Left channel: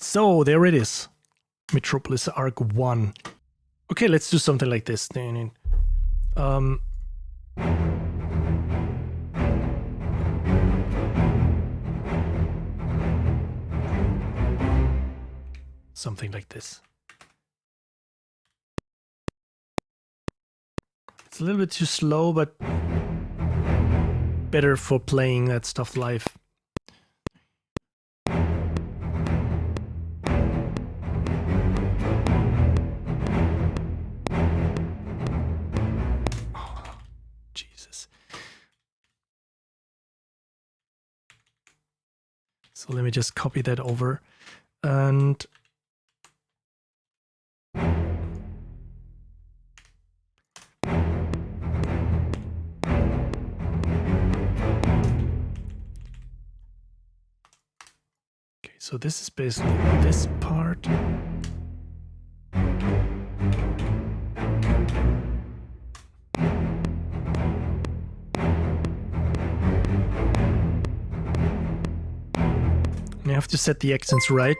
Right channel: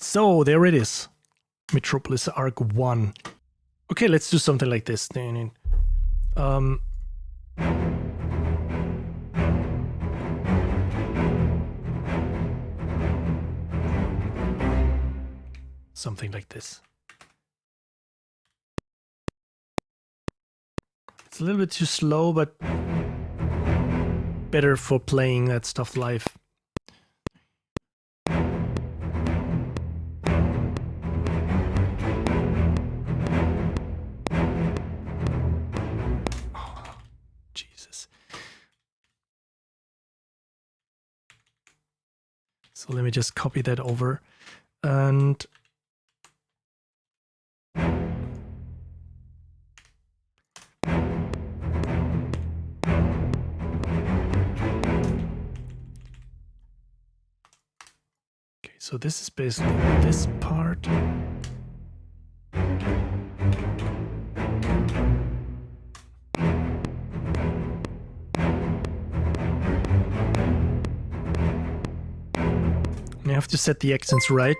So there it is. Metropolis Arc 1. Okay, let's do something like this. Something like this. It's a little bit too slow, but better for playing that stuff live. Oh, Jesus. So let me just copy that over and so this is basically this part. And I have to set the accents right.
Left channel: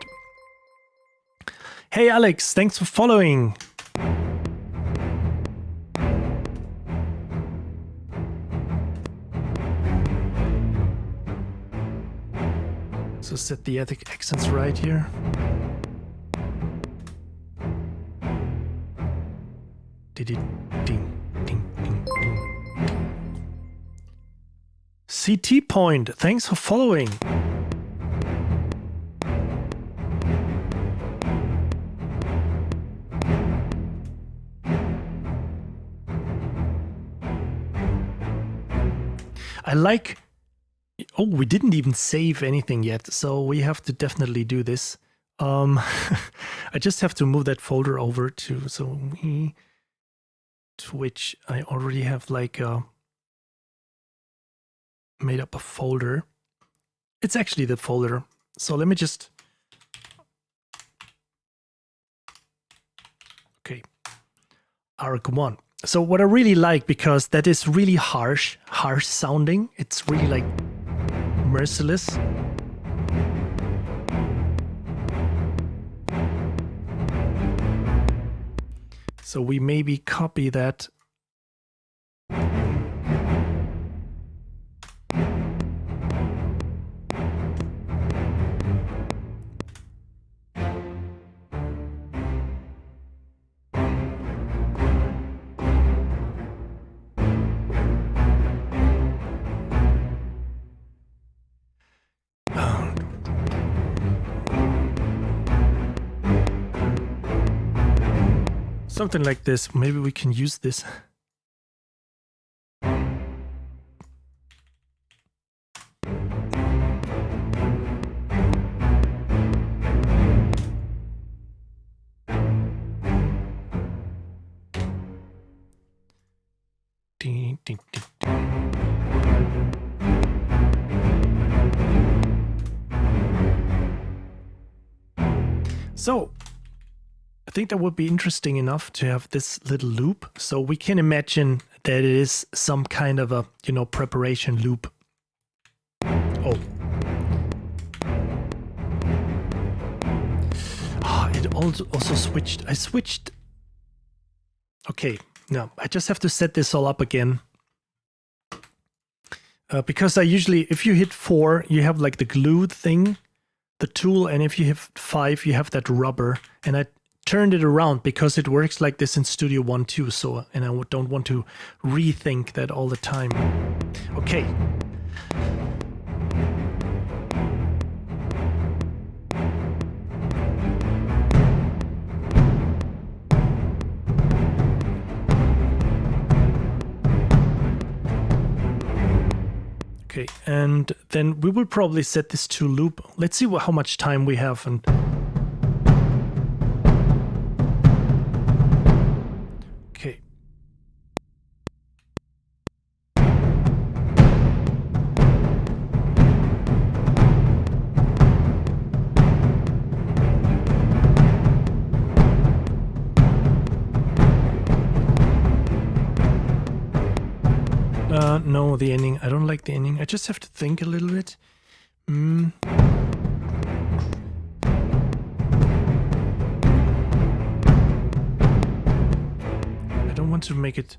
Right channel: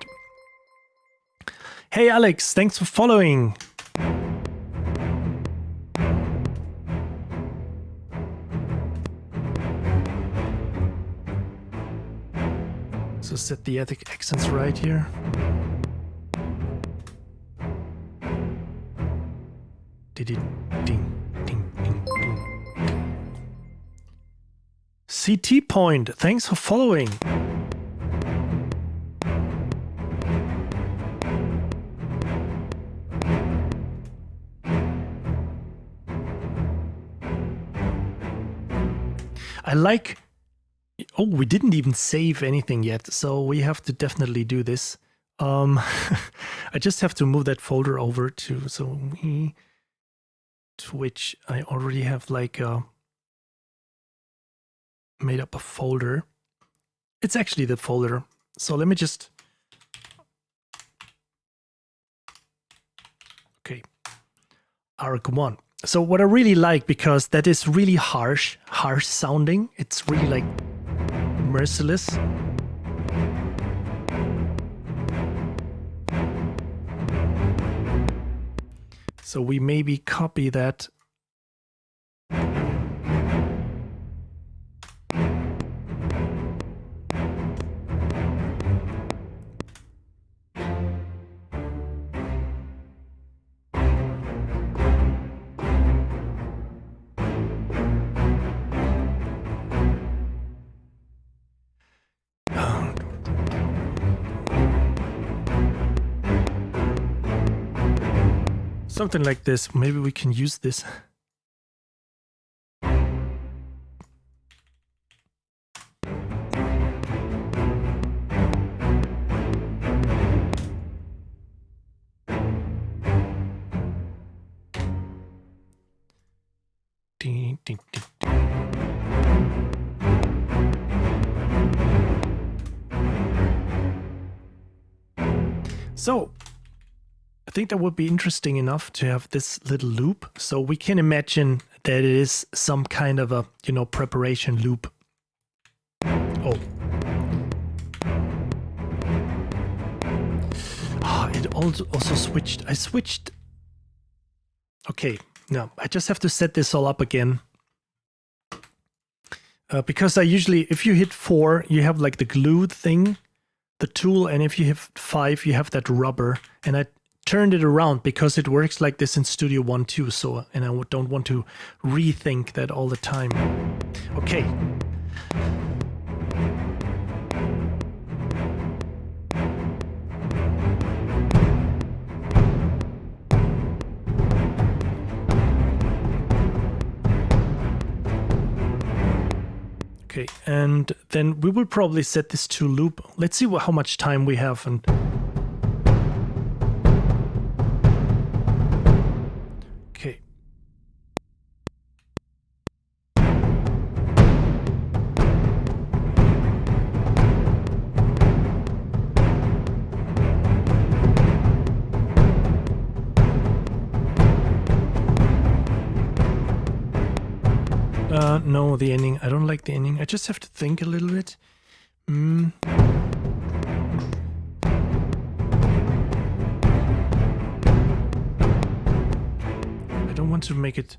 Hey Alex, thanks for following. So set the accents right here. Ding, ding, ding, ding. CT Point, thanks for following. I like... Oh, we didn't even save anything yet, so we have to definitely do this. I just have to move that folder over to... So we... To which I already have like made up a folder. It's actually the folder. So let me just... Okay. Arc 1. So what I really like, because that is really harsh sounding. It's really like merciless. So we maybe copy that. Something like this. Maybe we can use this. Ding, ding, ding, ding. So I think that would be interesting enough to have this little loop. So we can imagine that it is some kind of a, you know, preparation loop. Oh. Ah, it also switched. I switched. Okay, no, I just have to set this all up again. Because I usually, if you hit 4, you have like the glue thing, the tool, and if you hit 5, you have that rubber. And I turned it around because it works like this in Studio One too, so, and I don't want to rethink that all the time. Okay. Okay, and then we will probably set this to loop. Let's see how much time we have. And okay. No, the ending. I don't like the ending. I just have to think a little bit. to make it.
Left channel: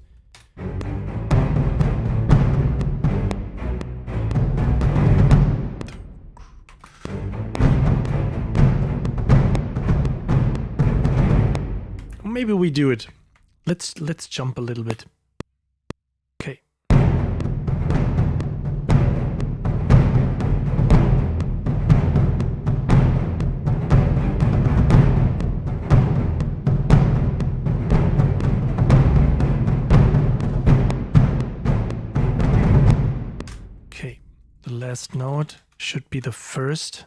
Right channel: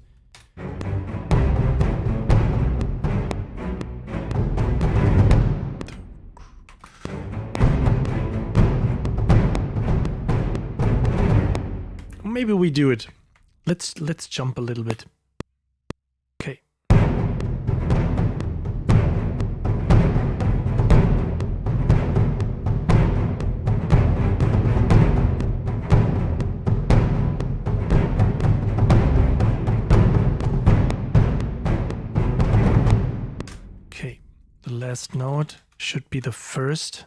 Maybe we do it. Let's jump a little bit. Okay. Okay. The last note should be the first.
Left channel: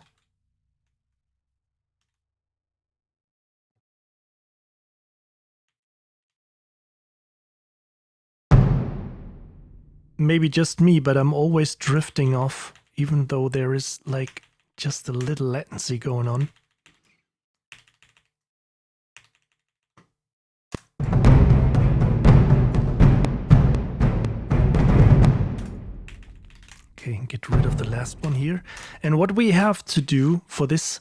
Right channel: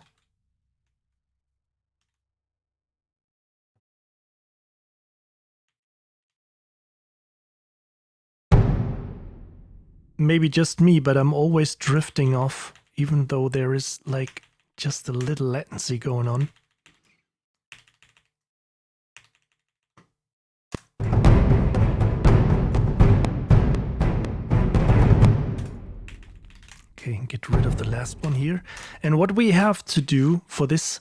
Maybe just me, but I'm always drifting off, even though there is like just a little latency going on. Okay, get rid of the last one here. And what we have to do for this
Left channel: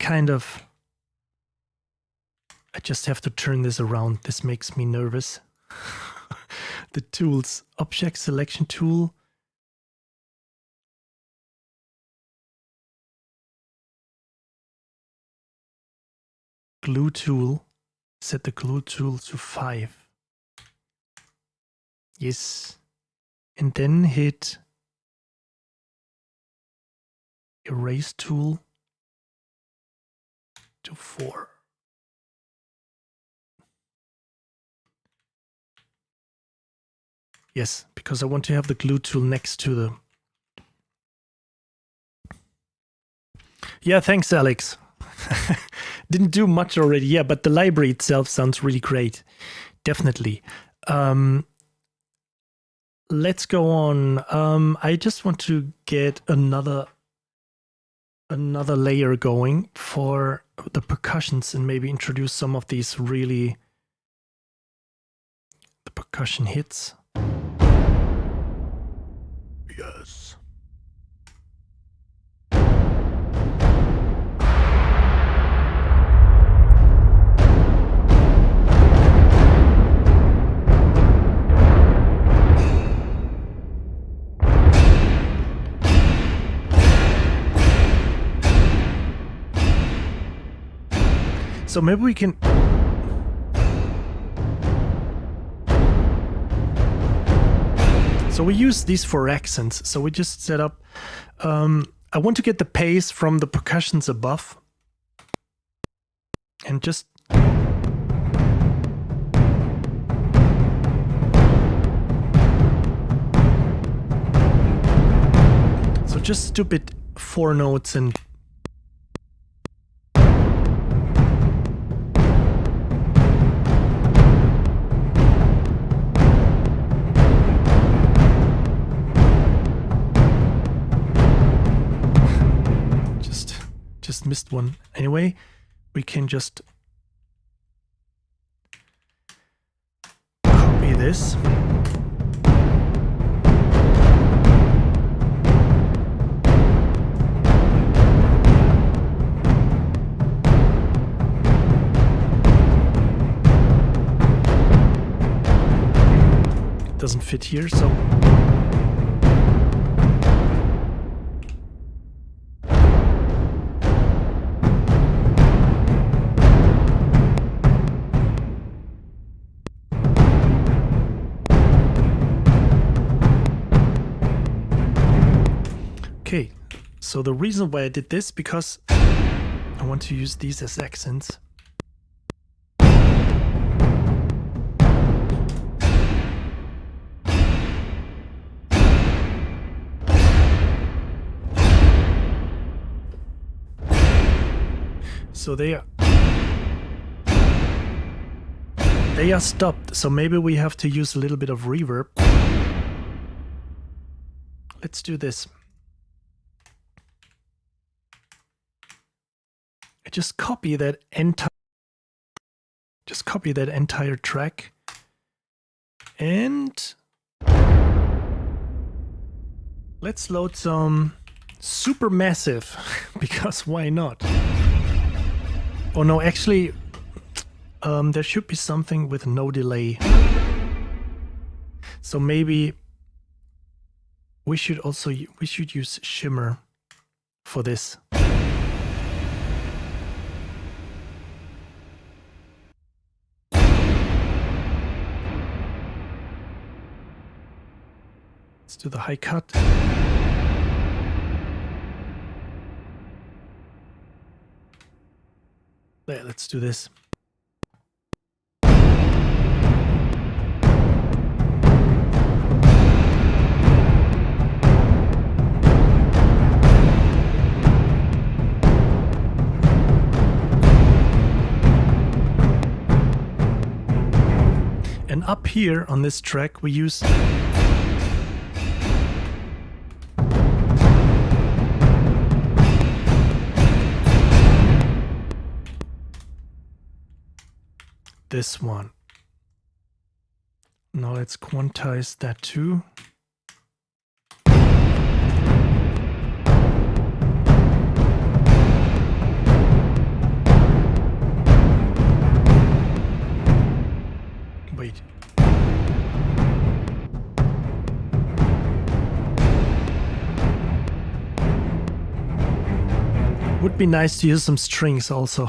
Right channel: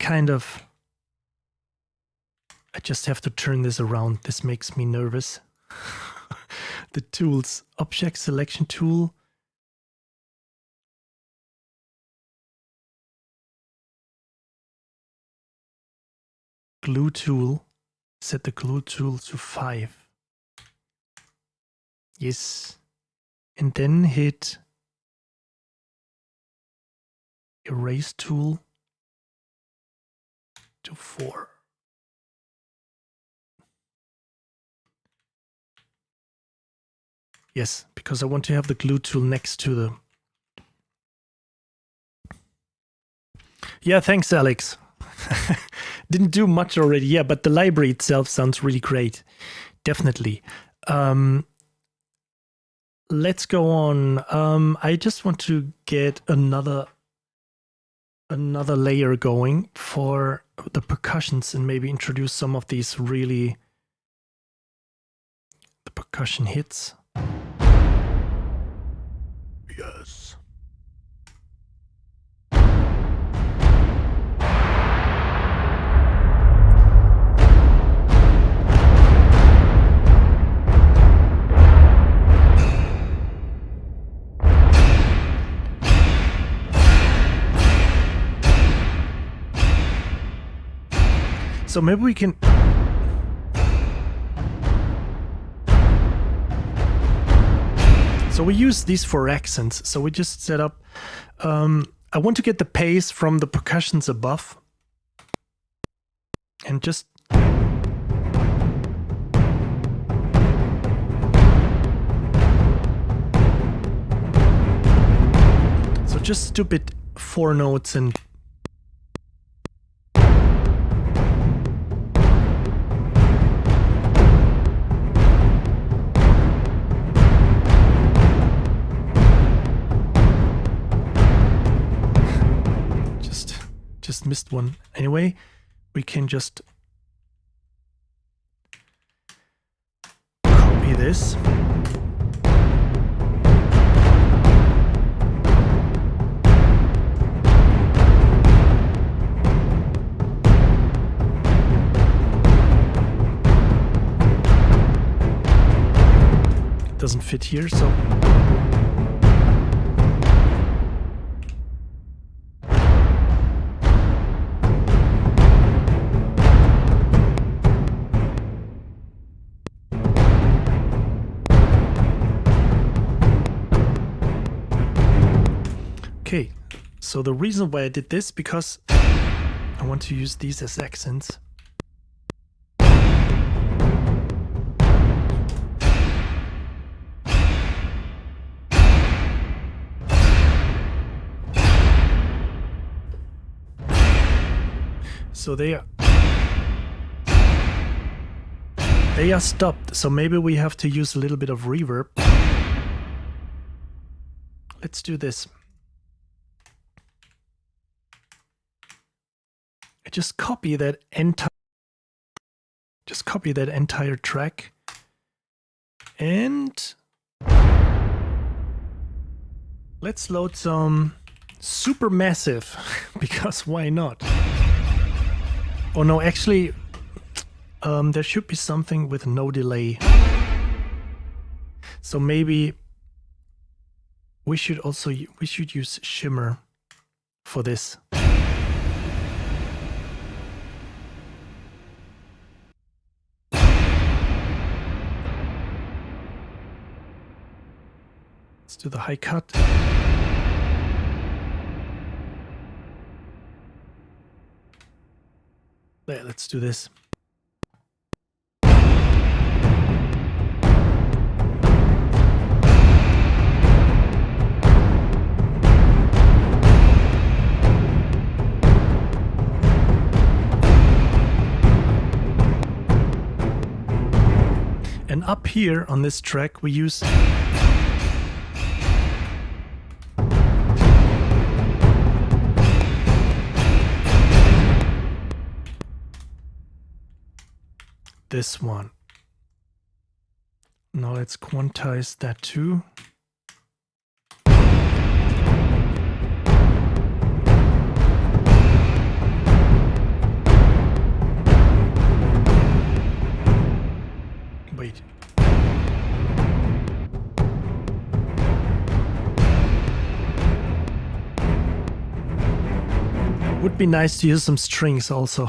kind of... I just have to turn this around. This makes me nervous. The tools, object selection tool. Glue tool. Set the glue tool to 5. Yes. And then hit erase tool to 4. Yes, because I want to have the glue tool next to the... Yeah, thanks, Alex. Didn't do much already. Yeah, but the library itself sounds really great. Definitely. Let's go on. I just want to get another layer going for the percussions and maybe introduce some of these really... the percussion hits. Yes. So maybe we can... So we use these for accents. So we just set up... I want to get the pace from the percussions above. And just... So just stupid 4 notes and... Just missed one. Anyway, we can just copy this. It doesn't fit here, so... Okay, so the reason why I did this, because I want to use these as accents. So they are stopped, so maybe we have to use a little bit of reverb. Let's do this. I just copy that entire track and let's load some Supermassive because why not? Oh no, actually there should be something with no delay. So maybe we should use shimmer for this. Let's do the high cut. There, let's do this. And up here on this track, we use this one. Now let's quantize that too. Wait. Would be nice to use some strings also.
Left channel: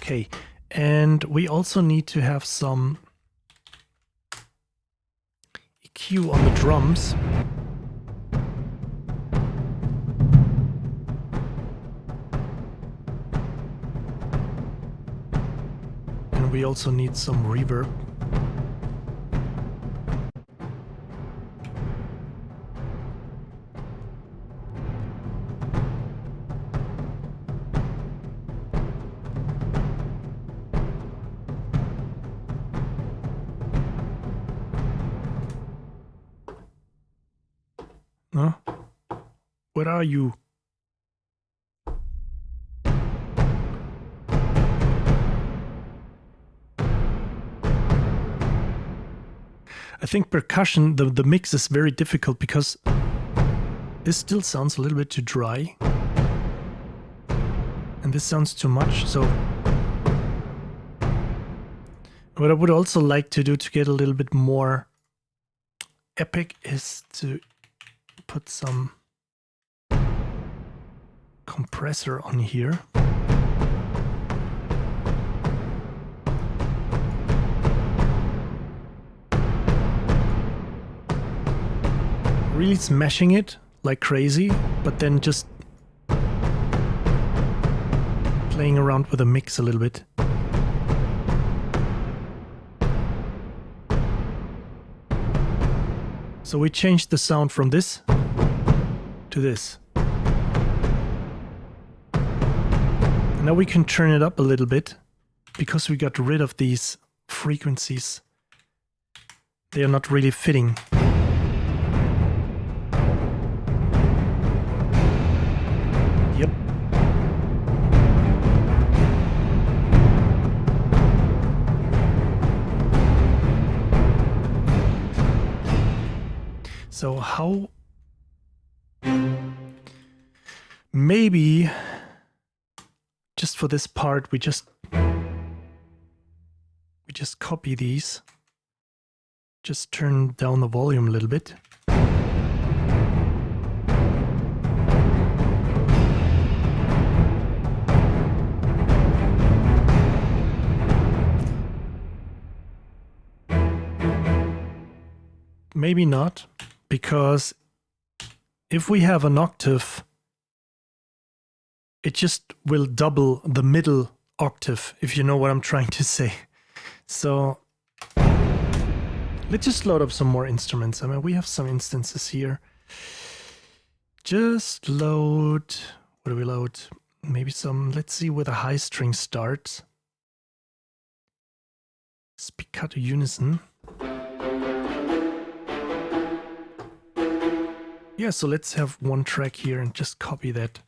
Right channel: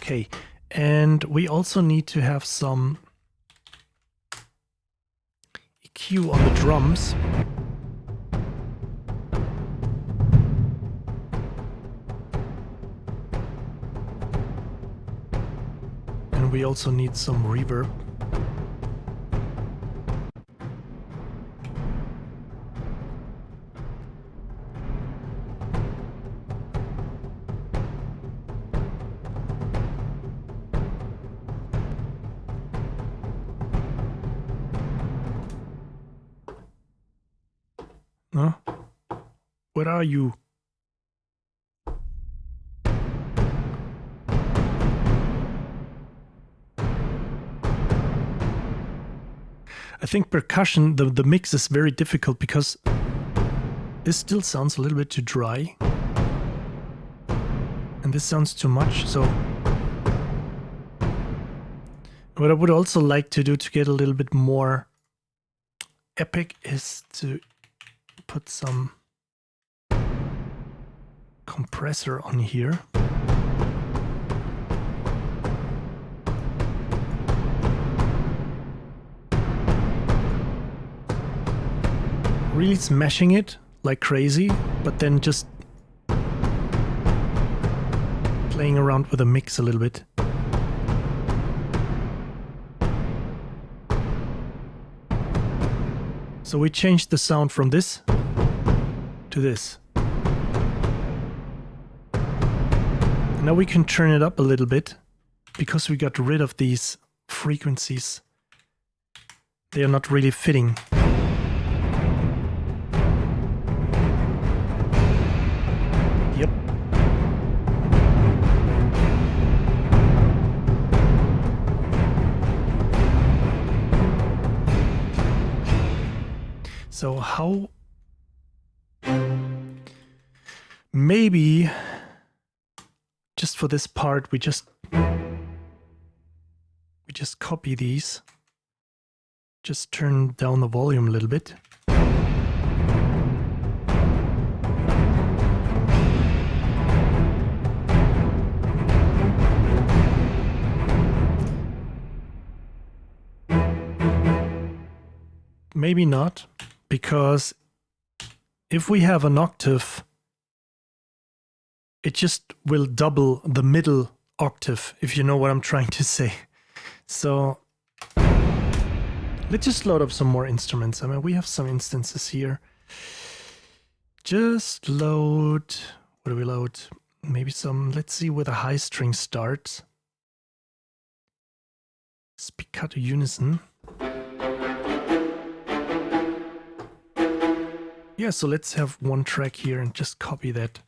Okay. And we also need to have some EQ on the drums. And we also need some reverb. Huh? Where are you? I think percussion, the mix is very difficult because this still sounds a little bit too dry. And this sounds too much, so what I would also like to do to get a little bit more epic is to put some compressor on here. Really smashing it like crazy, but then just playing around with the mix a little bit. So we changed the sound from this to this. Now we can turn it up a little bit because we got rid of these frequencies. They are not really fitting. Yep. So how maybe just for this part we just copy these, just turn down the volume a little bit. Maybe not, because if we have an octave, it just will double the middle octave, if you know what I'm trying to say. So let's just load up some more instruments. I mean, we have some instances here. Just load, what do we load? Maybe some, let's see where the high string starts. Spiccato unison. Yeah, so let's have one track here and just copy that.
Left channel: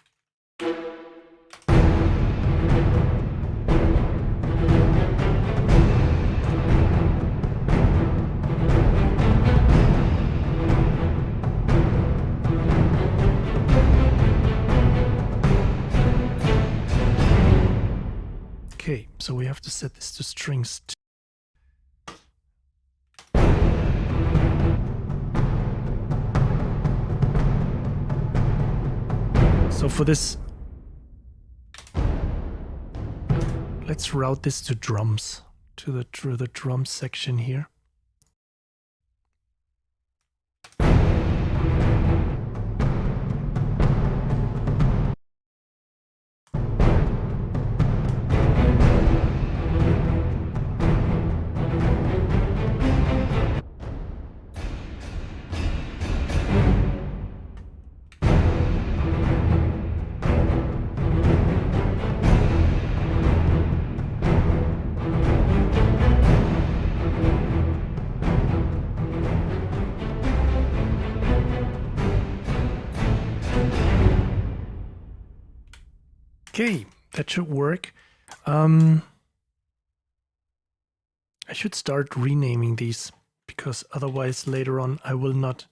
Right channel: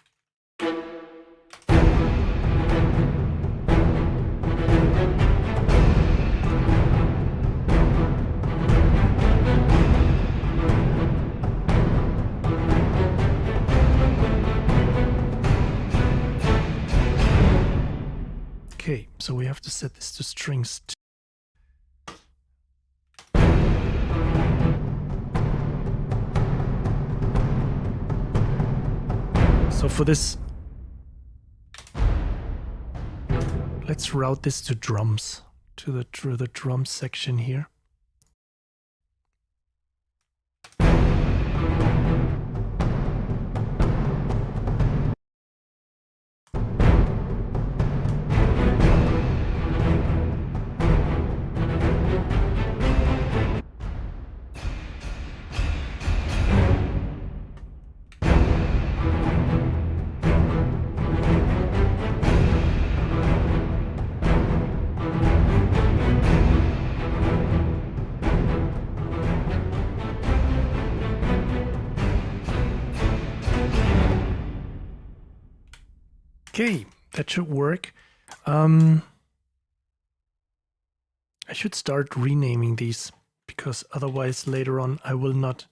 Okay, so we have to set this to strings. So for this, let's route this to drums, to the drum section here. Okay, that should work. I should start renaming these because otherwise later on I will not.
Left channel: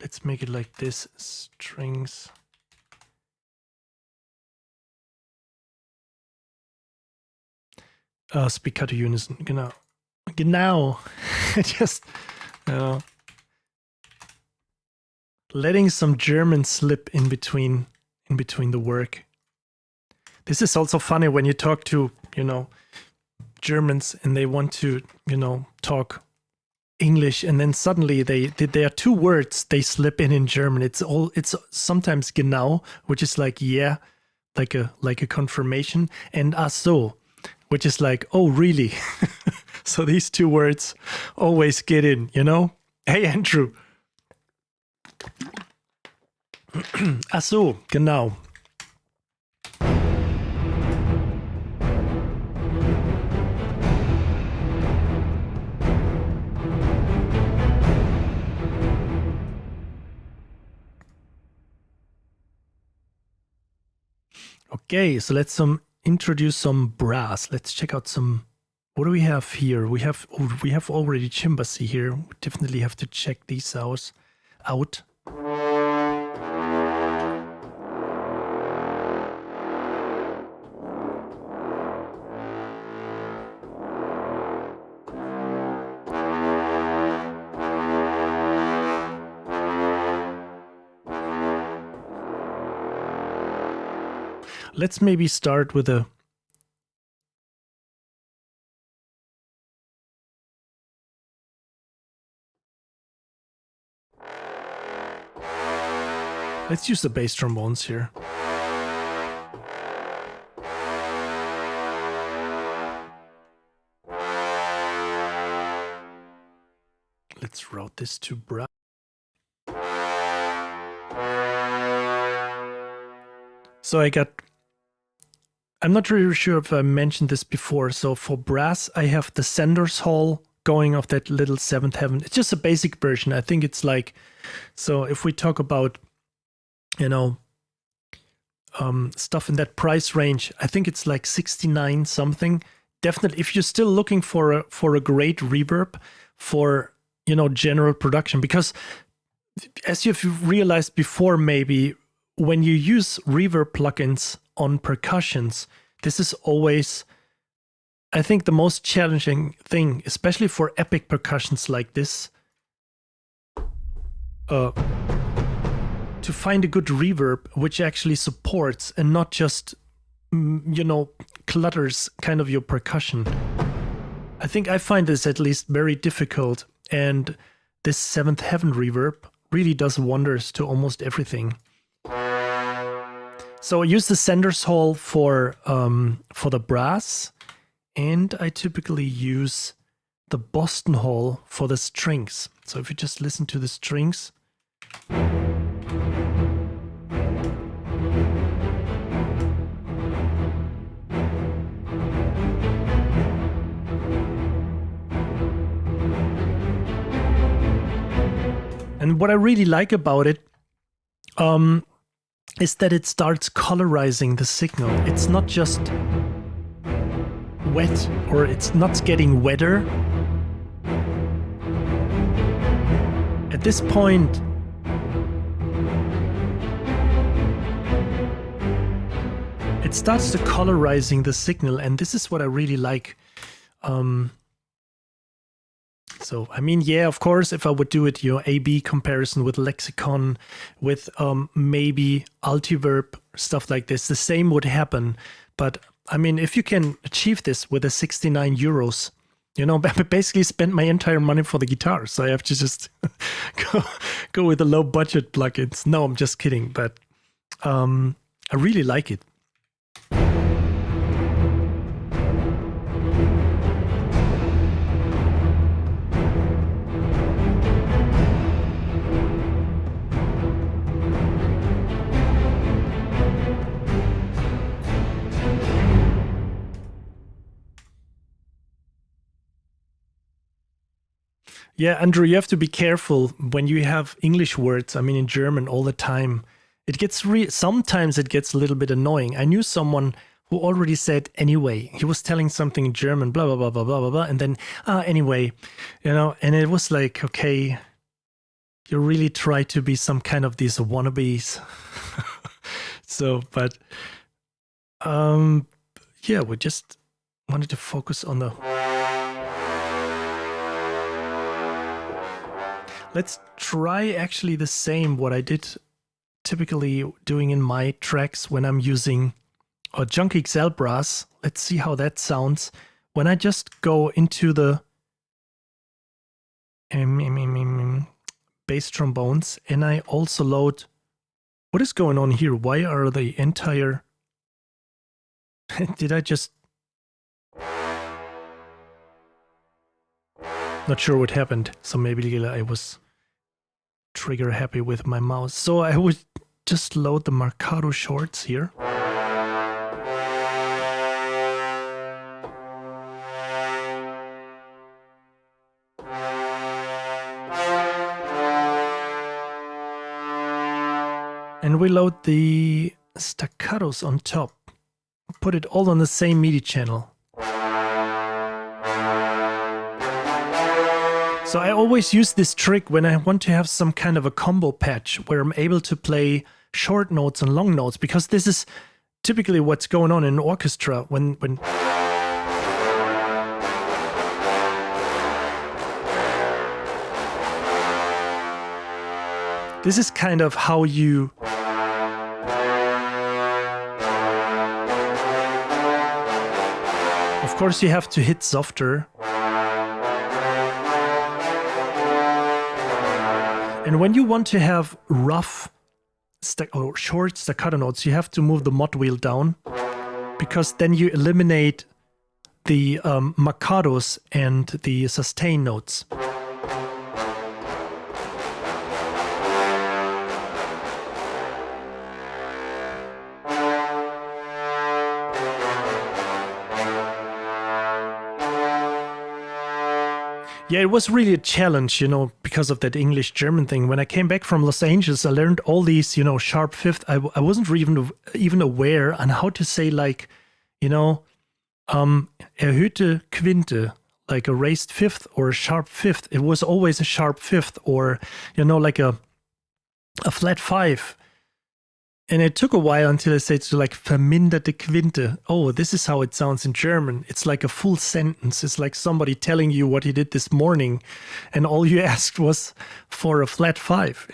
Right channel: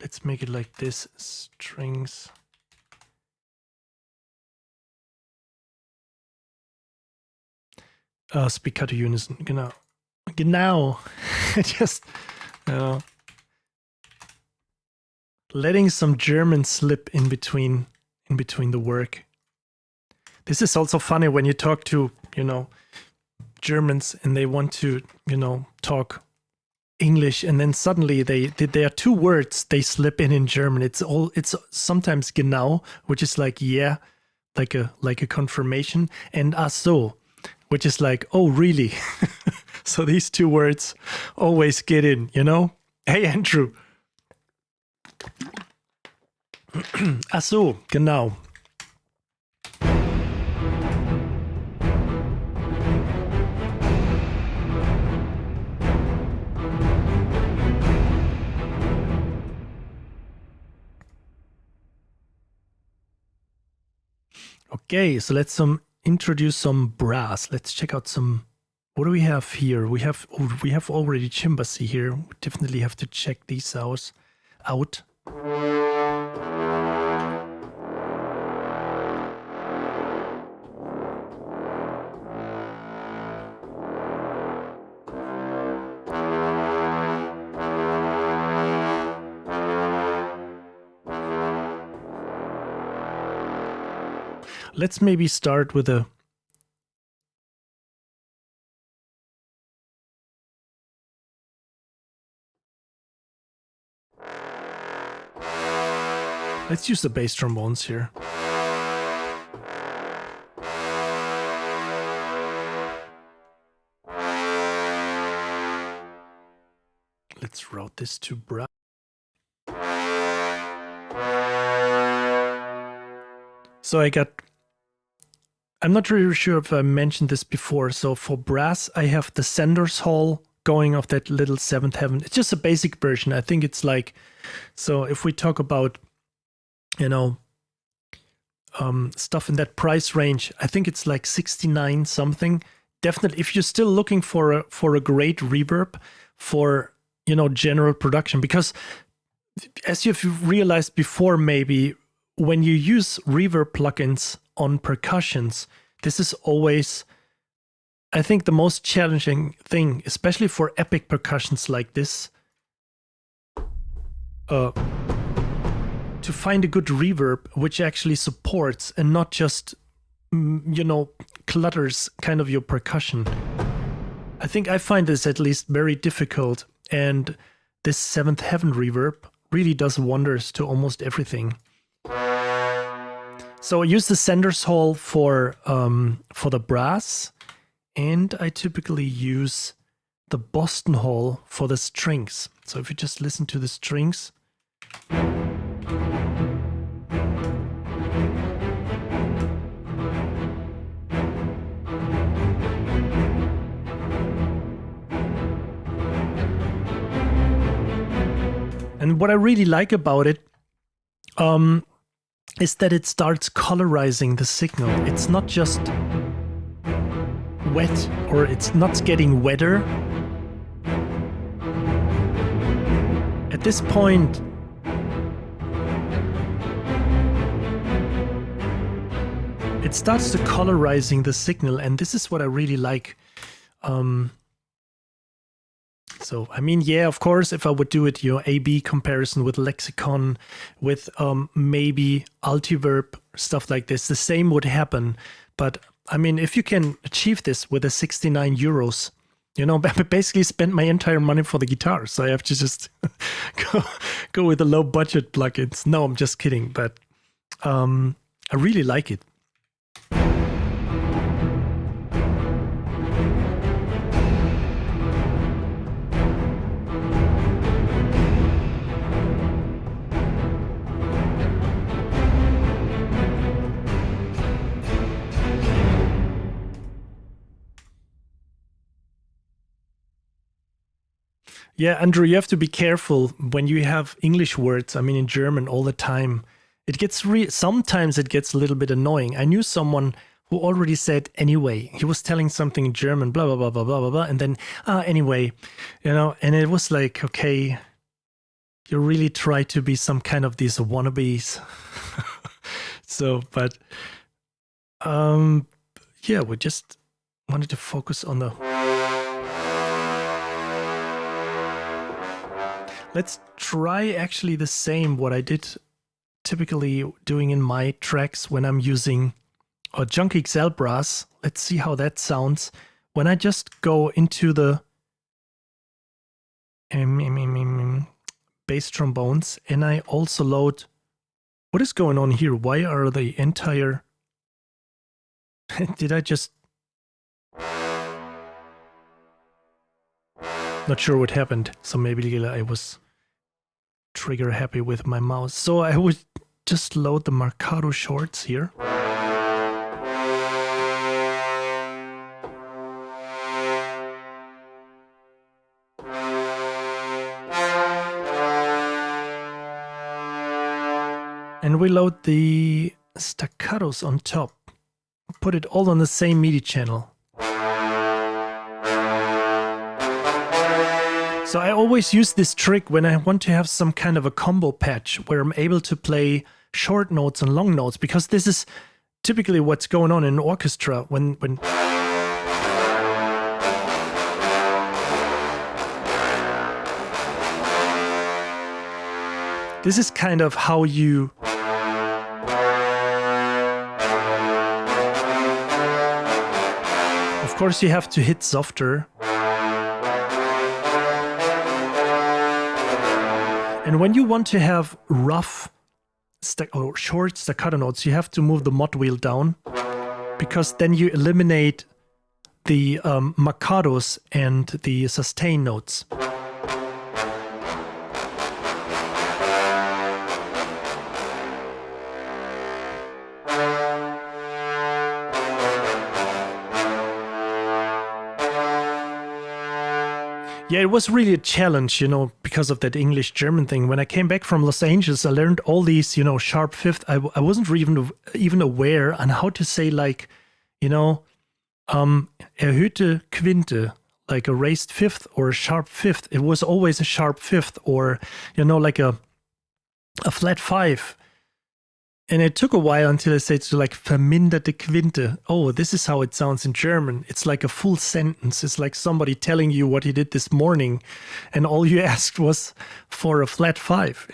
Let's make it like this, strings. Spiccato unison, genau. Genau. Just letting some German slip in between the work. This is also funny when you talk to, Germans and they want to, talk English, and then suddenly there are two words they slip in German. It's sometimes genau, which is like yeah, like a confirmation, and ach so, which is like, oh really? So these two words always get in, Hey Andrew. Ach so, genau. Okay, so let's introduce some brass. Let's check out some. What do we have here? We have already Chimbasi here. We definitely have to check these out. Let's maybe start with a. Let's use the bass trombones here. Let's route this to brass. So I'm not really sure if I mentioned this before. So for brass, I have the Sanders Hall going off that little Seventh Heaven. It's just a basic version. I think it's like, so if we talk about, stuff in that price range, I think it's like 69 something. Definitely, if you're still looking for a great reverb for, general production, because as you've realized before, maybe when you use reverb plugins on percussions, this is always, I think, the most challenging thing, especially for epic percussions like this, to find a good reverb which actually supports and not just, clutters kind of your percussion. I think I find this at least very difficult, and this Seventh Heaven reverb really does wonders to almost everything. So I use the Sanders Hall for the brass, and I typically use the Boston Hall for the strings. So if you just listen to the strings. And what I really like about it is that it starts colorizing the signal. It's not just wet, or it's not getting wetter. At this point, it starts to colorizing the signal, and this is what I really like. So, I mean, yeah, of course, if I would do it, A-B comparison with lexicon, with maybe altiverb, stuff like this, the same would happen. But, I mean, if you can achieve this with a 69 euros, I basically spent my entire money for the guitar. So I have to just go with the low budget plugins. No, I'm just kidding. But I really like it. Yeah, Andrew, you have to be careful when you have English words. I mean, in German all the time, it gets sometimes it gets a little bit annoying. I knew someone who already said anyway. He was telling something in German, blah blah blah blah blah blah blah, and then anyway, and it was like, okay, you really try to be some kind of these wannabes. So, but yeah, we just wanted to focus on the. Let's try actually the same what I did typically doing in my tracks when I'm using a Junk XL brass. Let's see how that sounds when I just go into the bass trombones, and I also load. What is going on here? Why are the entire... Did I just... Not sure what happened. So maybe I was trigger happy with my mouse. So I would just load the Marcado shorts here. And we load the staccatos on top. Put it all on the same MIDI channel. So I always use this trick when I want to have some kind of a combo patch where I'm able to play short notes and long notes, because this is typically what's going on in an orchestra when this is kind of how you of course you have to hit softer. And when you want to have rough or short staccato notes, you have to move the mod wheel down, because then you eliminate the marcados and the sustain notes. Yeah, it was really a challenge, because of that English-German thing. When I came back from Los Angeles, I learned all these, sharp fifth. I wasn't even aware on how to say, like, erhöhte Quinte, like a raised fifth or a sharp fifth. It was always a sharp fifth, or, like a flat five. And it took a while until I said to like verminderte Quinte. Oh, this is how it sounds in German. It's like a full sentence. It's like somebody telling you what he did this morning, and all you asked was for a flat five,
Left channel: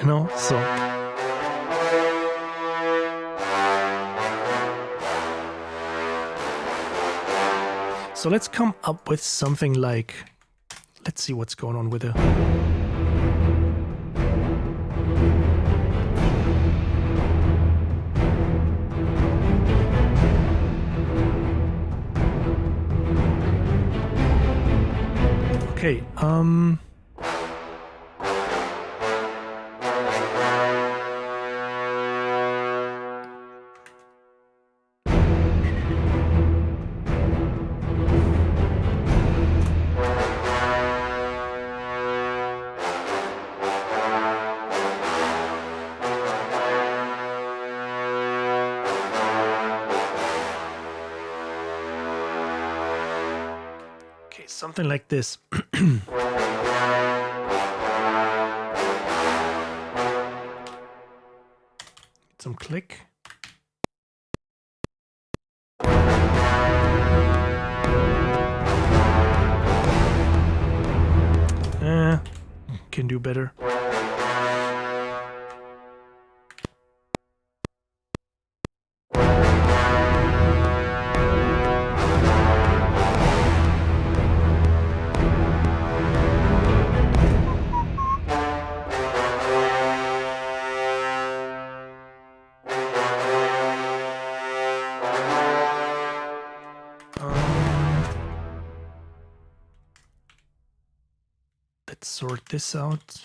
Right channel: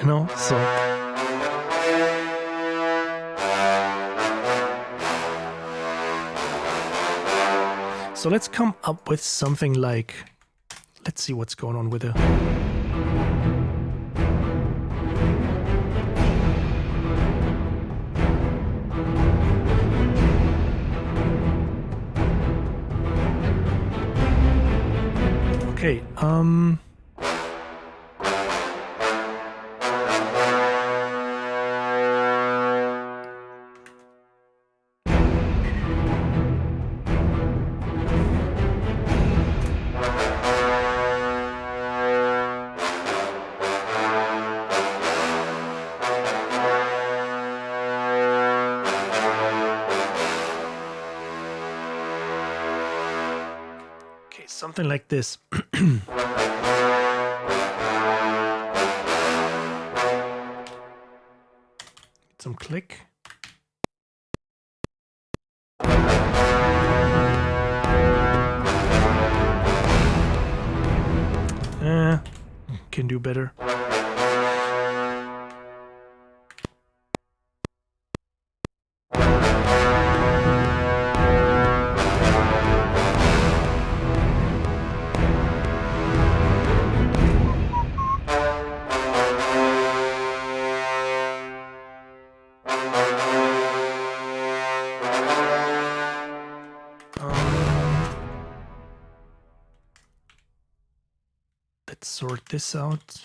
So let's come up with something like, let's see what's going on with it. Okay, something like this. Some click. can do better. Let's sort this out.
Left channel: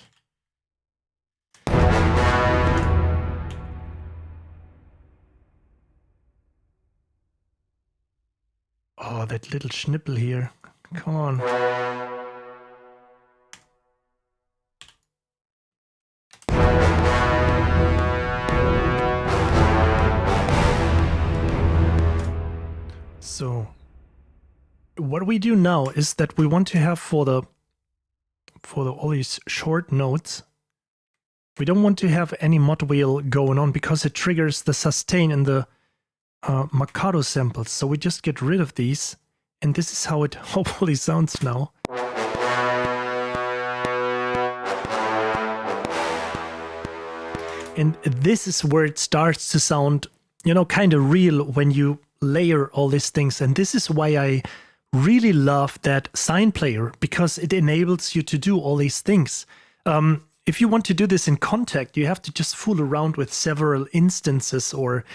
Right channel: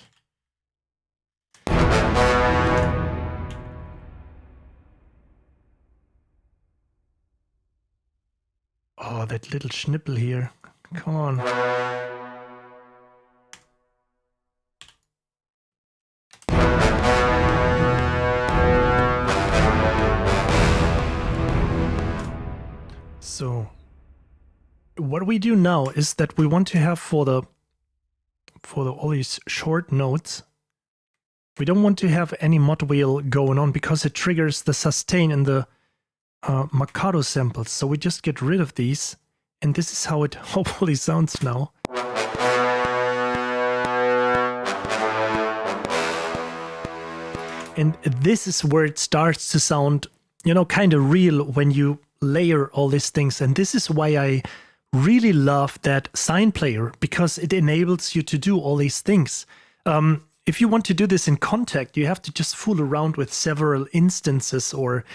Oh, that little schnipple here. Come on. So what we do now is that we want to have for the all these short notes, we don't want to have any mod wheel going on because it triggers the sustain and the Mikado samples. So we just get rid of these, and this is how it hopefully sounds now. And this is where it starts to sound, you know, kind of real when you layer all these things. And this is why I really love that sine player, because it enables you to do all these things. If you want to do this in Contact, you have to just fool around with several instances, or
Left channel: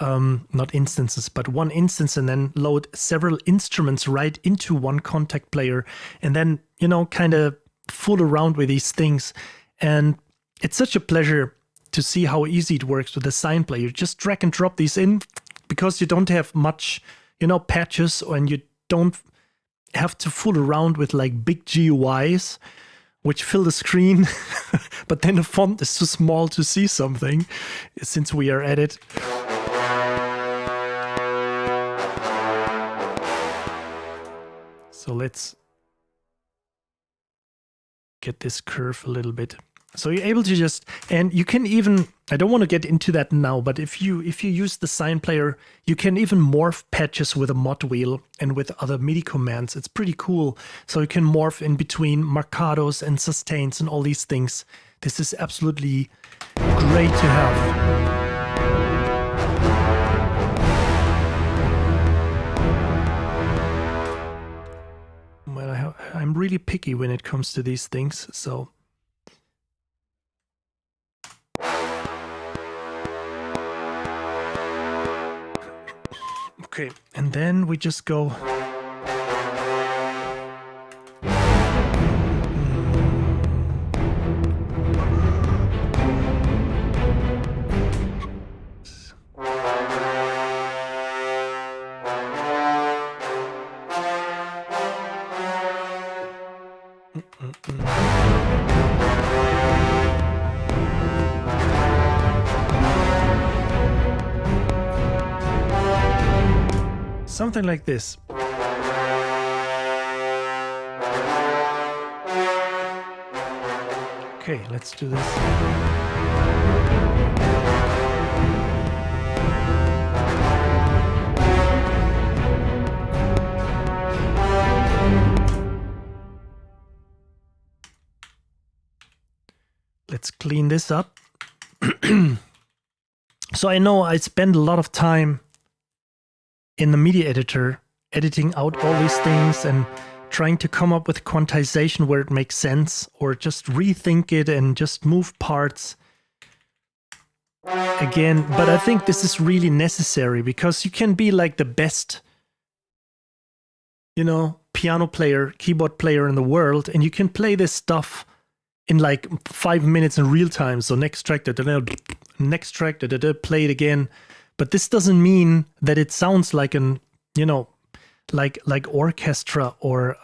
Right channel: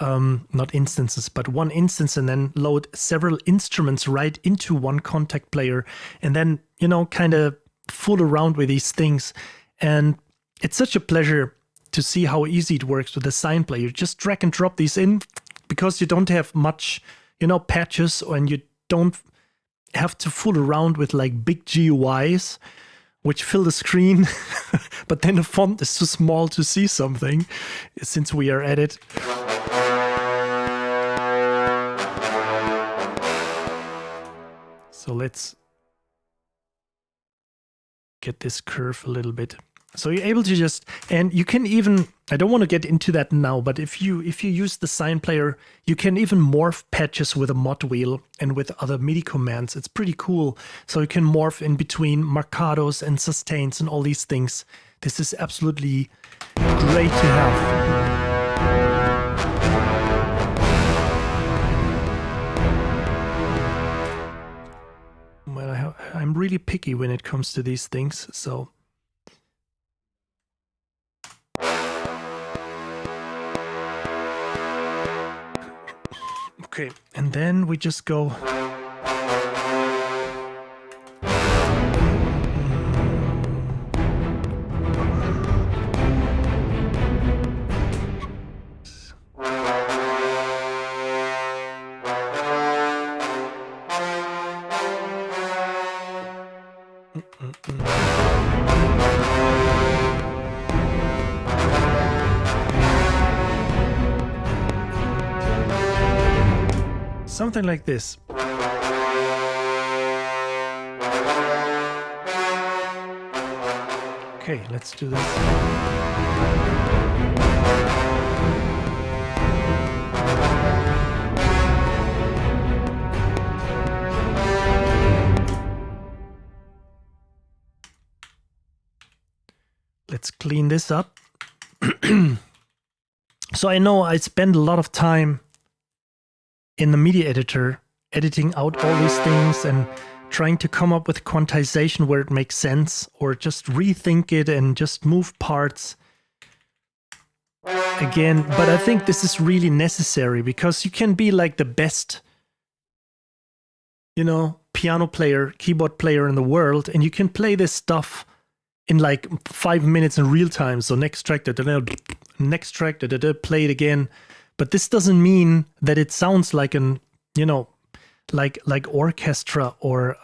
not instances, but one instance, and then load several instruments right into one Contact player, and then, you know, kind of fool around with these things. And it's such a pleasure to see how easy it works with the sine player. Just drag and drop these in, because you don't have much, you know, patches, and you don't have to fool around with like big GUIs which fill the screen, but then the font is too small to see something, since we are at it. So let's get this curve a little bit. So you're able to just, and you can even, I don't want to get into that now, but if you use the sine player, you can even morph patches with a mod wheel and with other MIDI commands. It's pretty cool. So you can morph in between marcados and sustains and all these things. This is absolutely great to have. Well, I'm really picky when it comes to these things, so. Okay, and then we just go. Something like this. Okay, let's do this. Let's clean this up. So I know I spend a lot of time in the media editor, editing out all these things and trying to come up with quantization where it makes sense, or just rethink it and just move parts again. But I think this is really necessary, because you can be like the best, you know, piano player, keyboard player in the world, and you can play this stuff in like 5 minutes in real time. So next track, next track, play it again. But this doesn't mean that it sounds like an, you know, like orchestra, or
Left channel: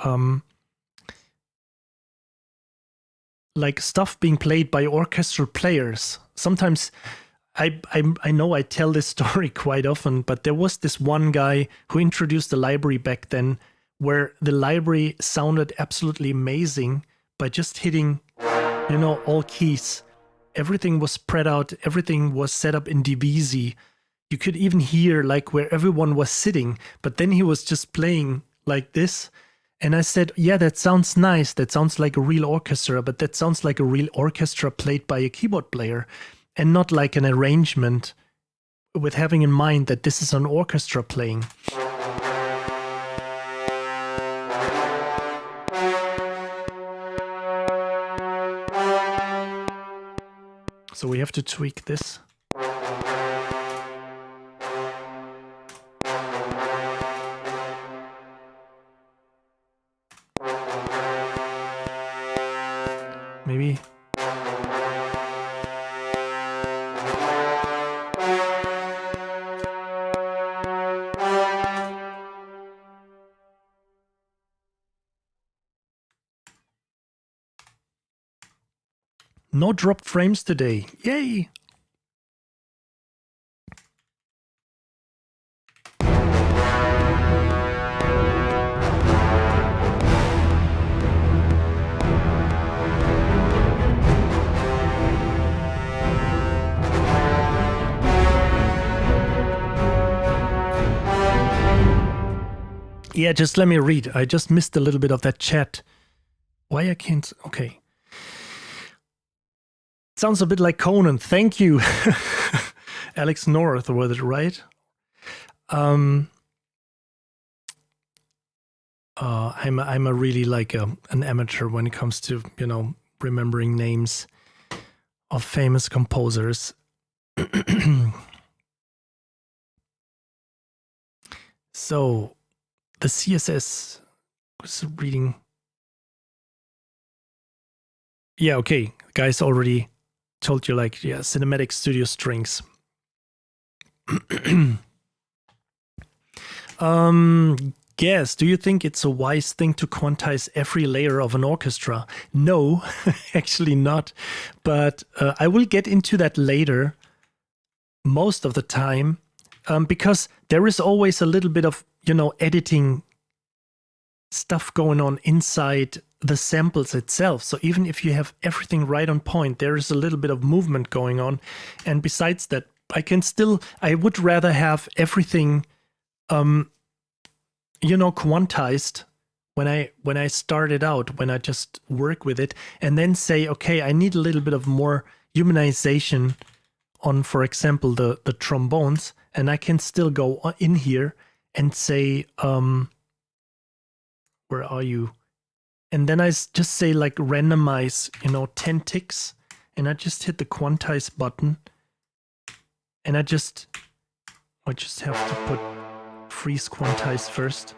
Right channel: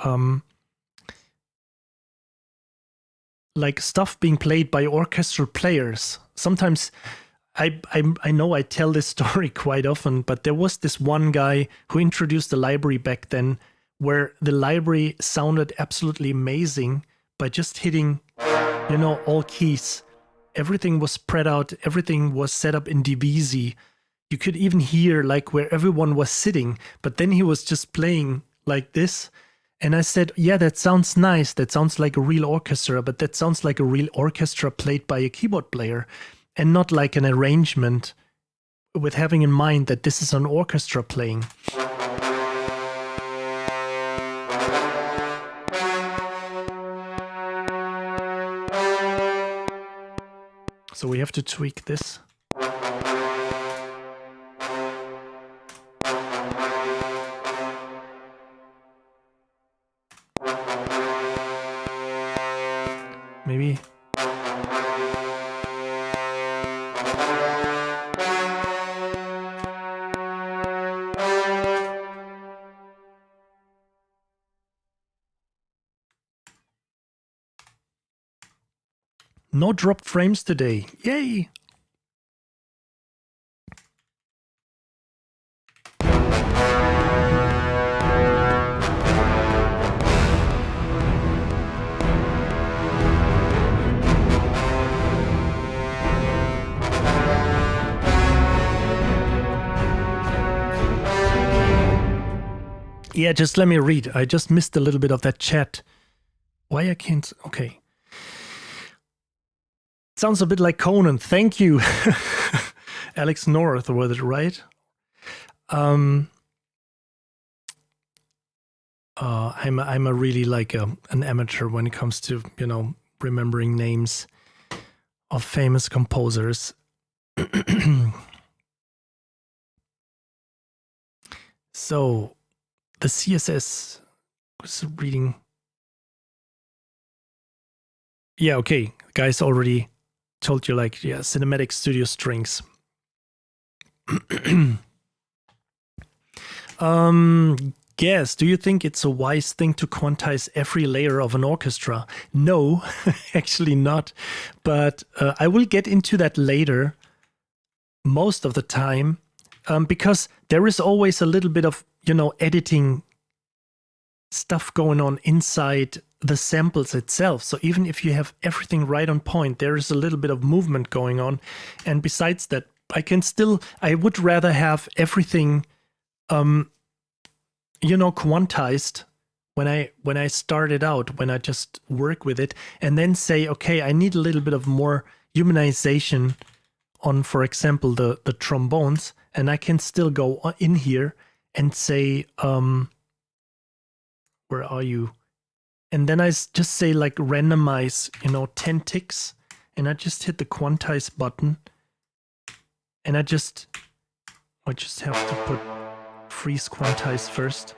like stuff being played by orchestral players. Sometimes I know I tell this story quite often, but there was this one guy who introduced the library back then, where the library sounded absolutely amazing by just hitting, you know, all keys. Everything was spread out. Everything was set up in DBZ. You could even hear like where everyone was sitting, but then he was just playing like this, And I said, yeah, that sounds nice. That sounds like a real orchestra, but that sounds like a real orchestra played by a keyboard player and not like an arrangement with having in mind that this is an orchestra playing. So we have to tweak this. Maybe. No dropped frames today. Yay! Yeah, just let me read. I just missed a little bit of that chat. Why I can't... Okay. Sounds a bit like Conan. Thank you. Alex North, was it right? I'm a really like an amateur when it comes to, you know, remembering names of famous composers. So the CSS was reading. Yeah, okay. Guys already told you, like, yeah, cinematic studio strings. Guess, do you think it's a wise thing to quantize every layer of an orchestra? No, actually not. But I will get into that later most of the time, because there is always a little bit of, you know, editing stuff going on inside the samples itself. So even if you have everything right on point, there is a little bit of movement going on. And besides that, I would rather have everything, you know, quantized when I started out, when I just work with it, and then say, okay, I need a little bit of more humanization on, for example, the trombones, and I can still go in here and say, where are you? And then I just say like randomize, you know, 10 ticks, and I just hit the quantize button, and I just have to put freeze quantize first.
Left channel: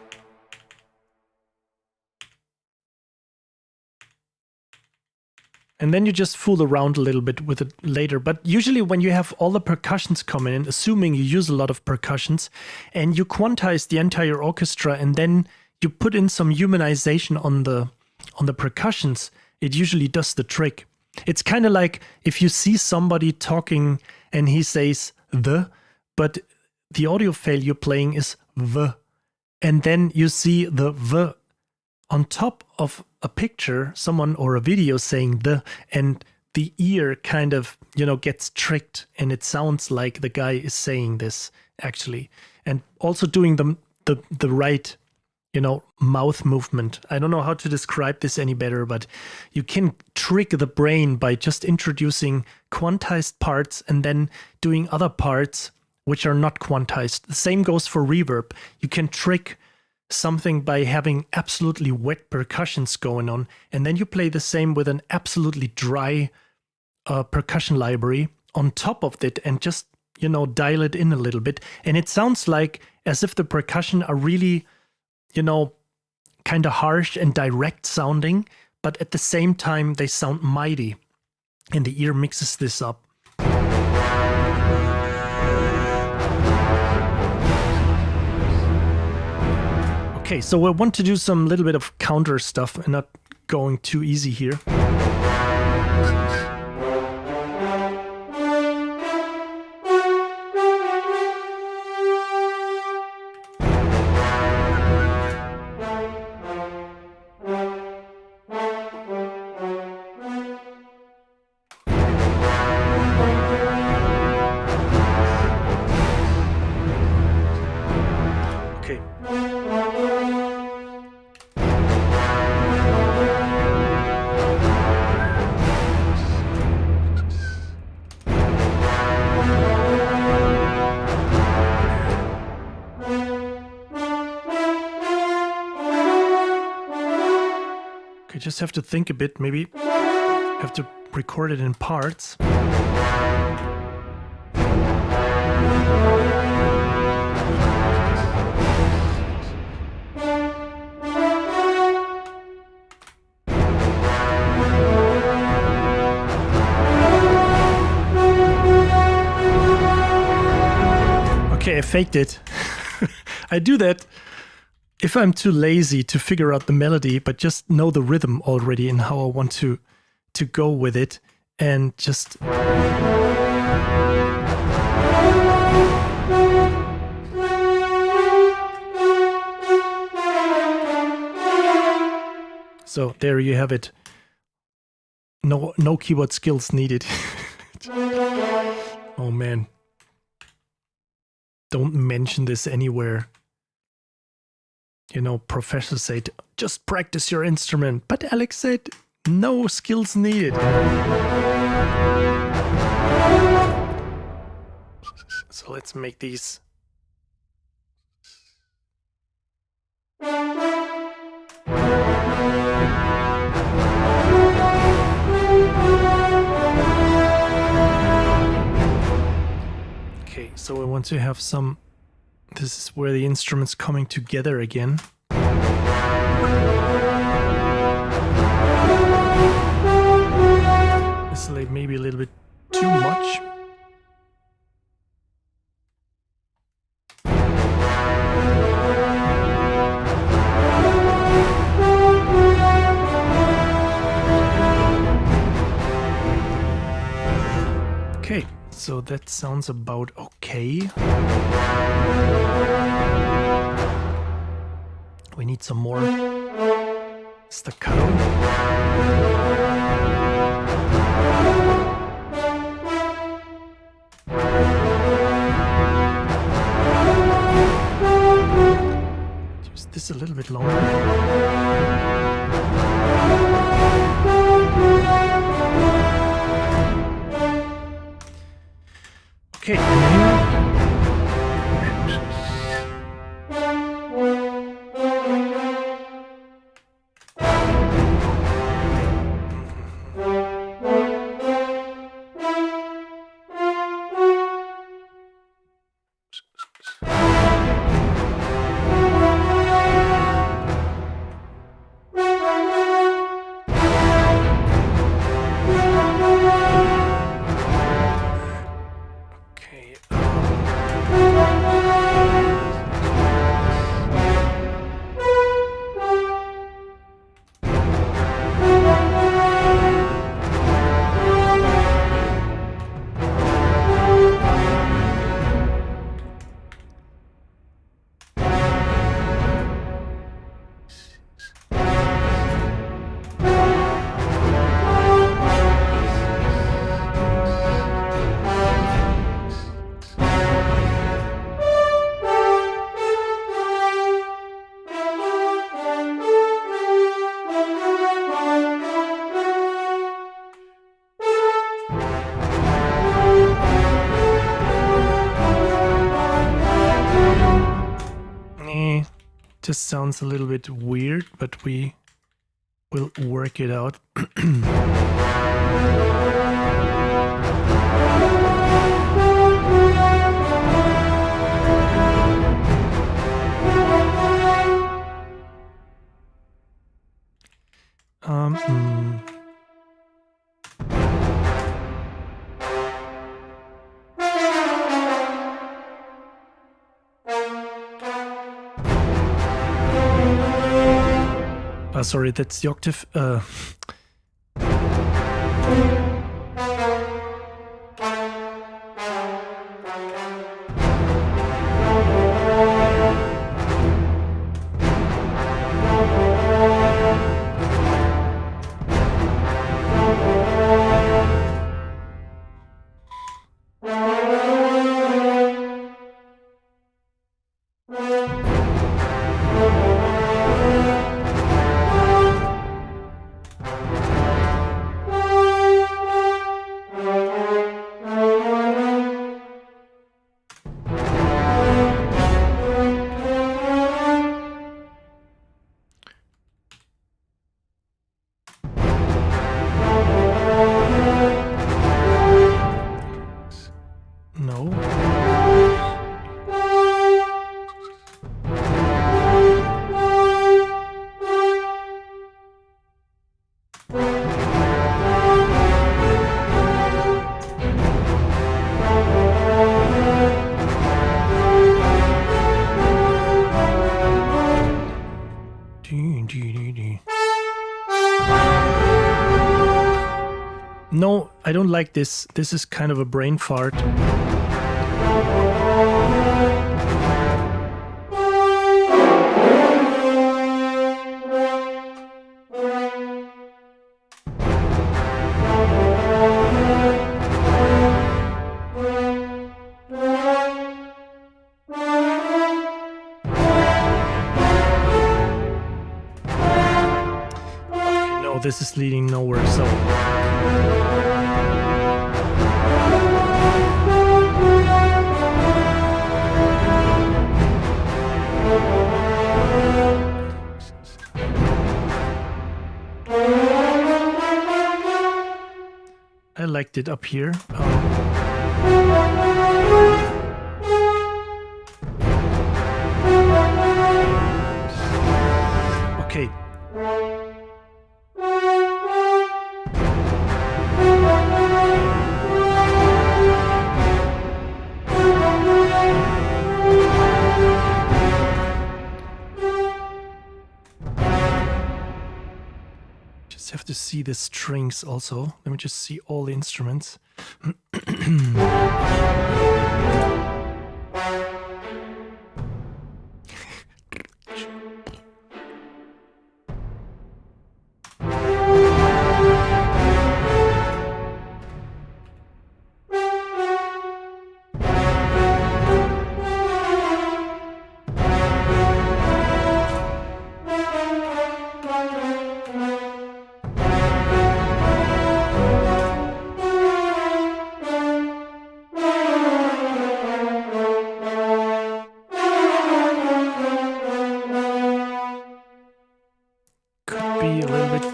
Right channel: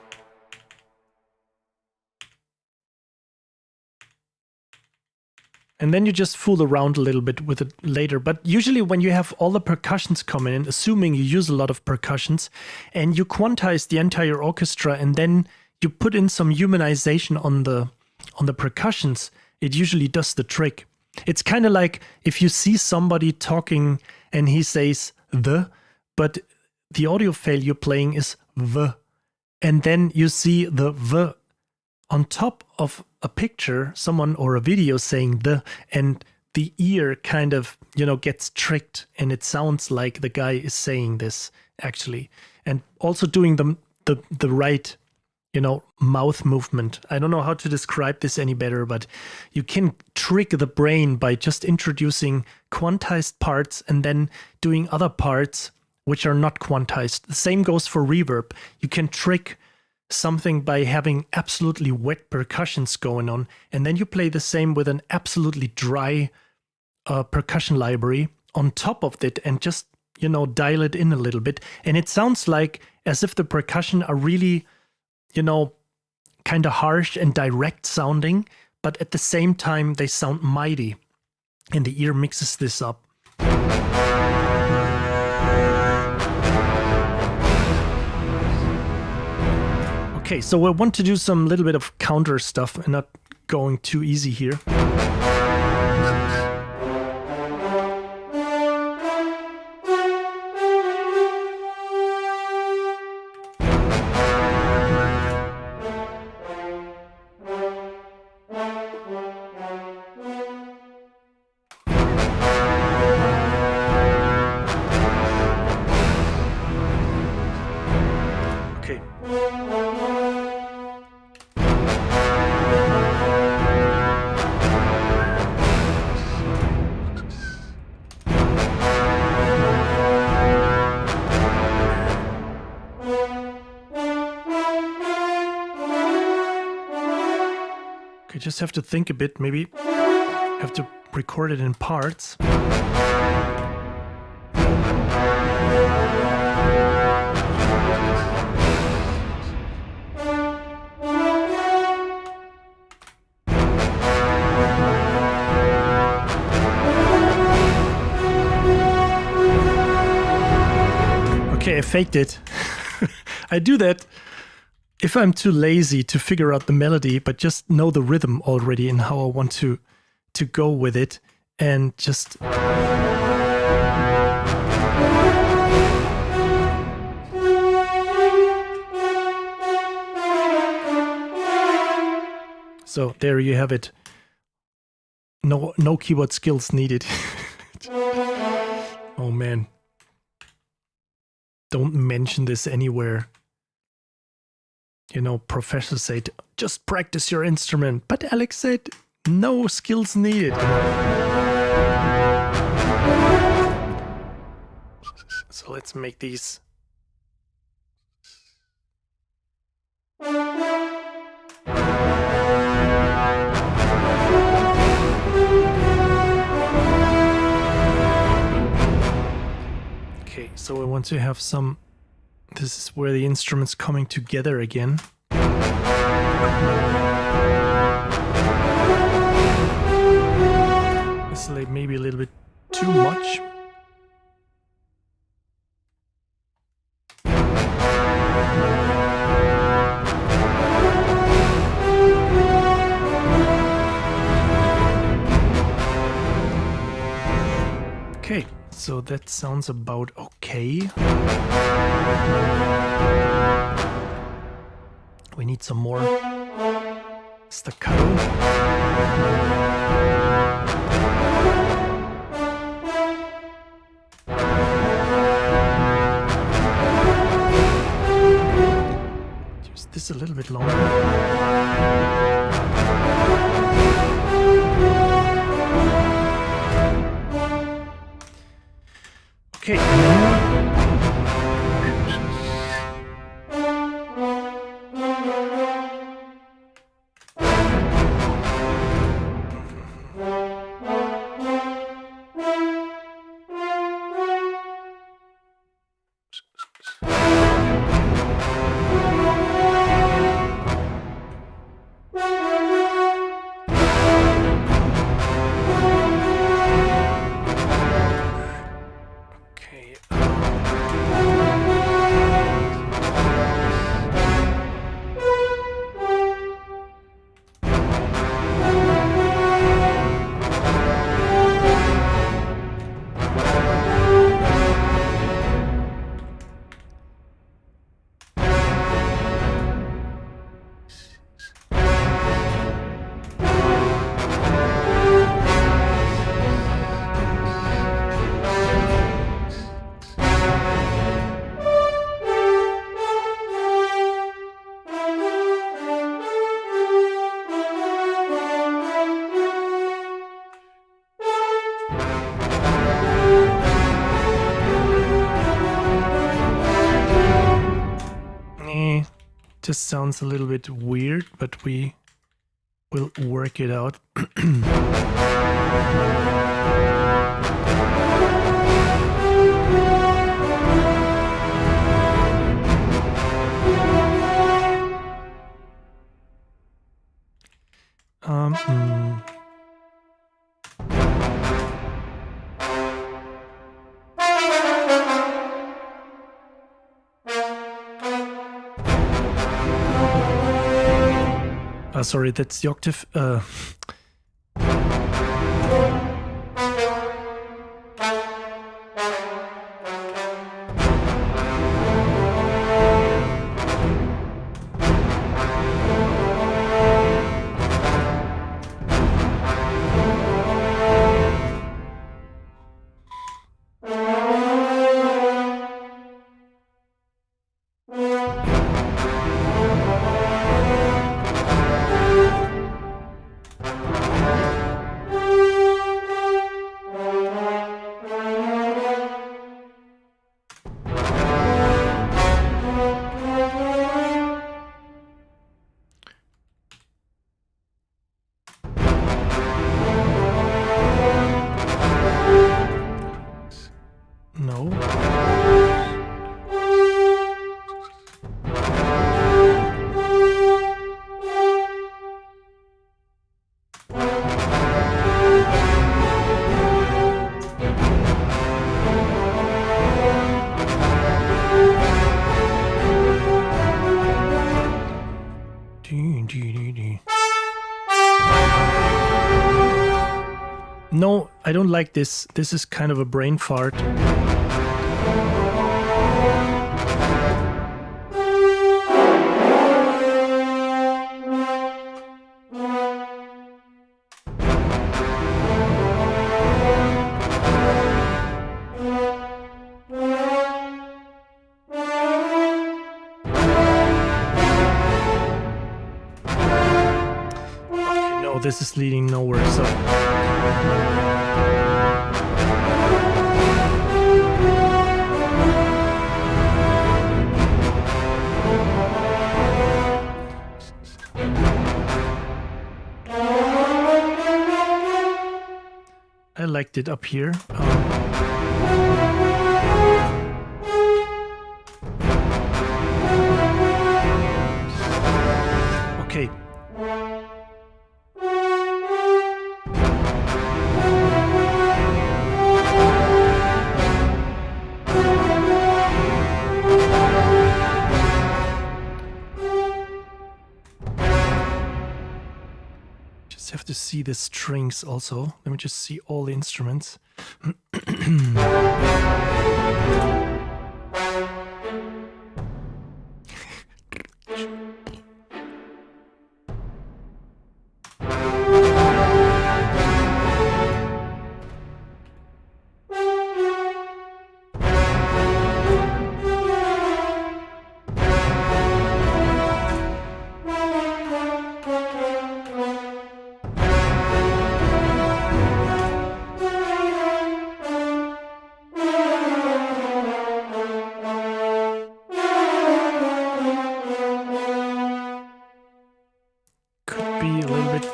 And then you just fool around a little bit with it later. But usually when you have all the percussions coming in, assuming you use a lot of percussions, and you quantize the entire orchestra, and then you put in some humanization on the percussions, it usually does the trick. It's kind of like if you see somebody talking and he says the, but the audio file you're playing is the, and then you see the on top of a picture, someone or a video saying the, and the ear kind of, you know, gets tricked, and it sounds like the guy is saying this actually, and also doing the right, you know, mouth movement. I don't know how to describe this any better, but you can trick the brain by just introducing quantized parts and then doing other parts which are not quantized. The same goes for reverb. You can trick something by having absolutely wet percussions going on, and then you play the same with an absolutely dry percussion library on top of it, and just, you know, dial it in a little bit, and it sounds like as if the percussion are really, you know, kind of harsh and direct sounding, but at the same time they sound mighty, and the ear mixes this up. Okay, so I want to do some little bit of counter stuff and not going too easy here. Okay, just have to think a bit, maybe have to record it in parts. Okay, I faked it. I do that if I'm too lazy to figure out the melody, but just know the rhythm already and how I want to go with it, and just so there you have it. No keyboard skills needed. Oh man. Don't mention this anywhere. You know, professors say, just practice your instrument. But Alex said, no skills needed. So let's make these. Okay, so I want to have some. This is where the instrument's coming together again. This is like maybe a little bit too much. Okay, so that sounds about okay. We need some more staccato. Use this a little bit longer. Okay, and then just sounds a little bit weird, but we will work it out. Sorry, that's the octave. I don't like this. This is kind of a brain fart. This is leading nowhere, so I liked it up here. Okay. Have to see the strings also. Let me just see all the instruments. Be a little bit.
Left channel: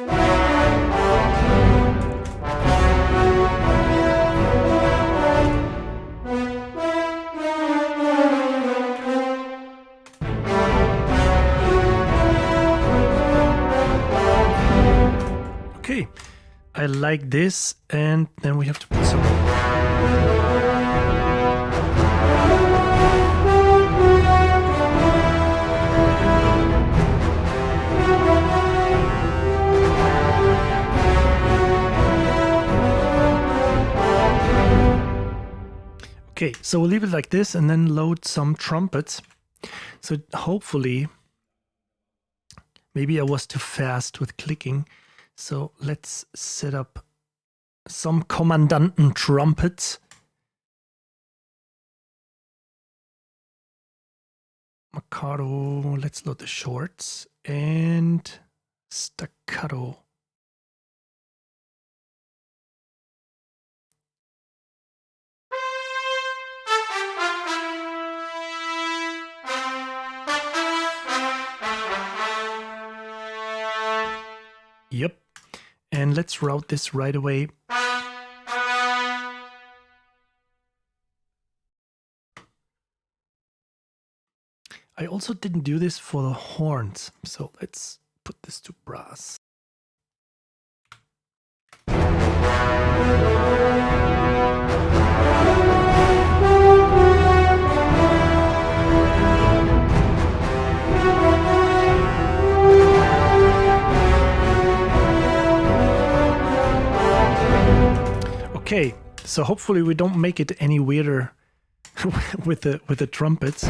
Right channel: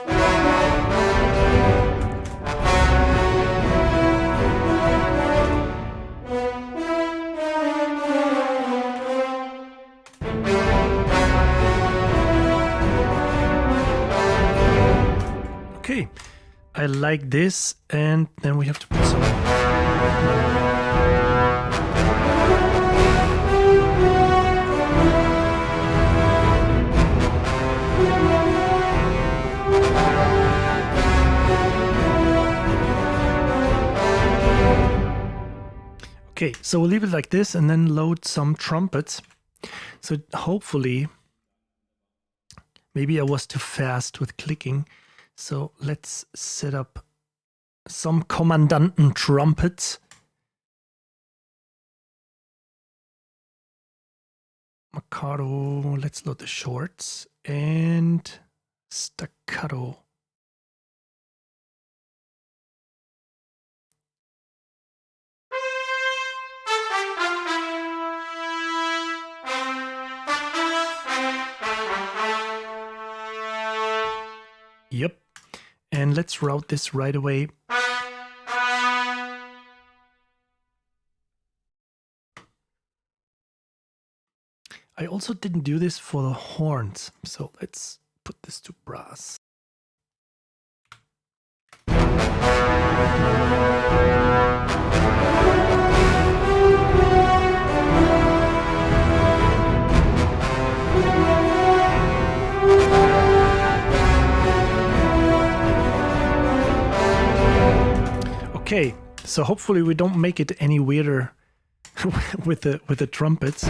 Okay, I like this, and then we have to put some. Okay, so we'll leave it like this and then load some trumpets. So hopefully, maybe I was too fast with clicking. So let's set up some Kommandanten trumpets. Maccato, let's load the shorts and staccato. Yep. And let's route this right away. I also didn't do this for the horns, so let's put this to brass. Okay, so hopefully we don't make it any weirder with the trumpets.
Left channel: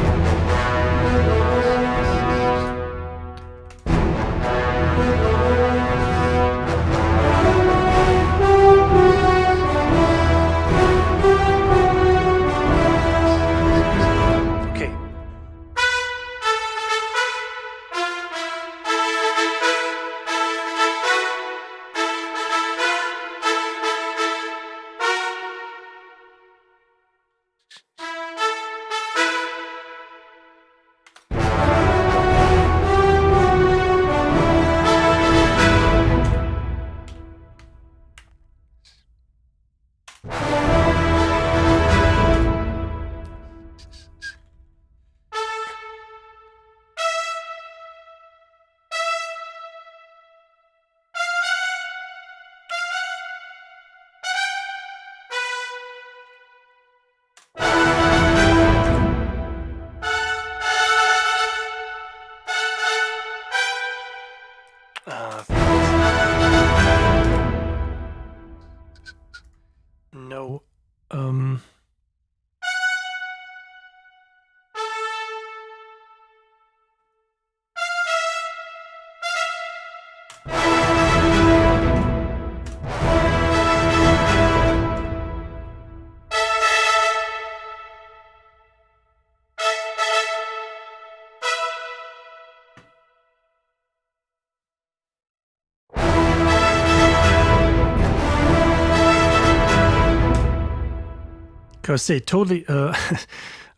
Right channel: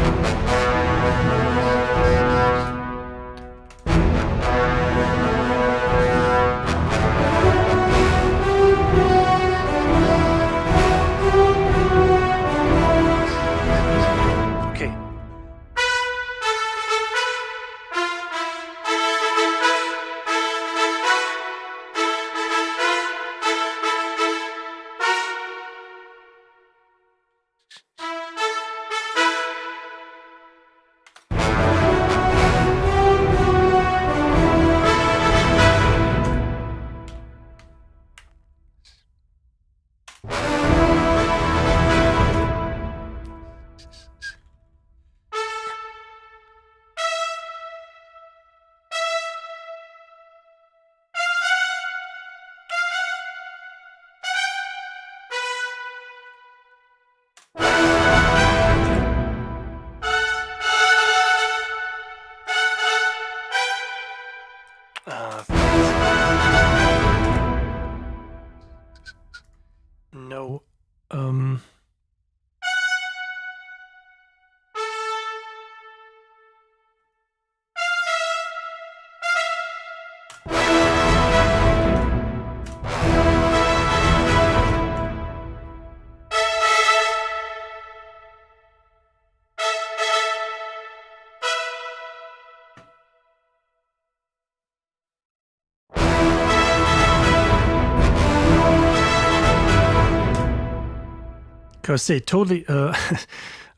Because it totally, I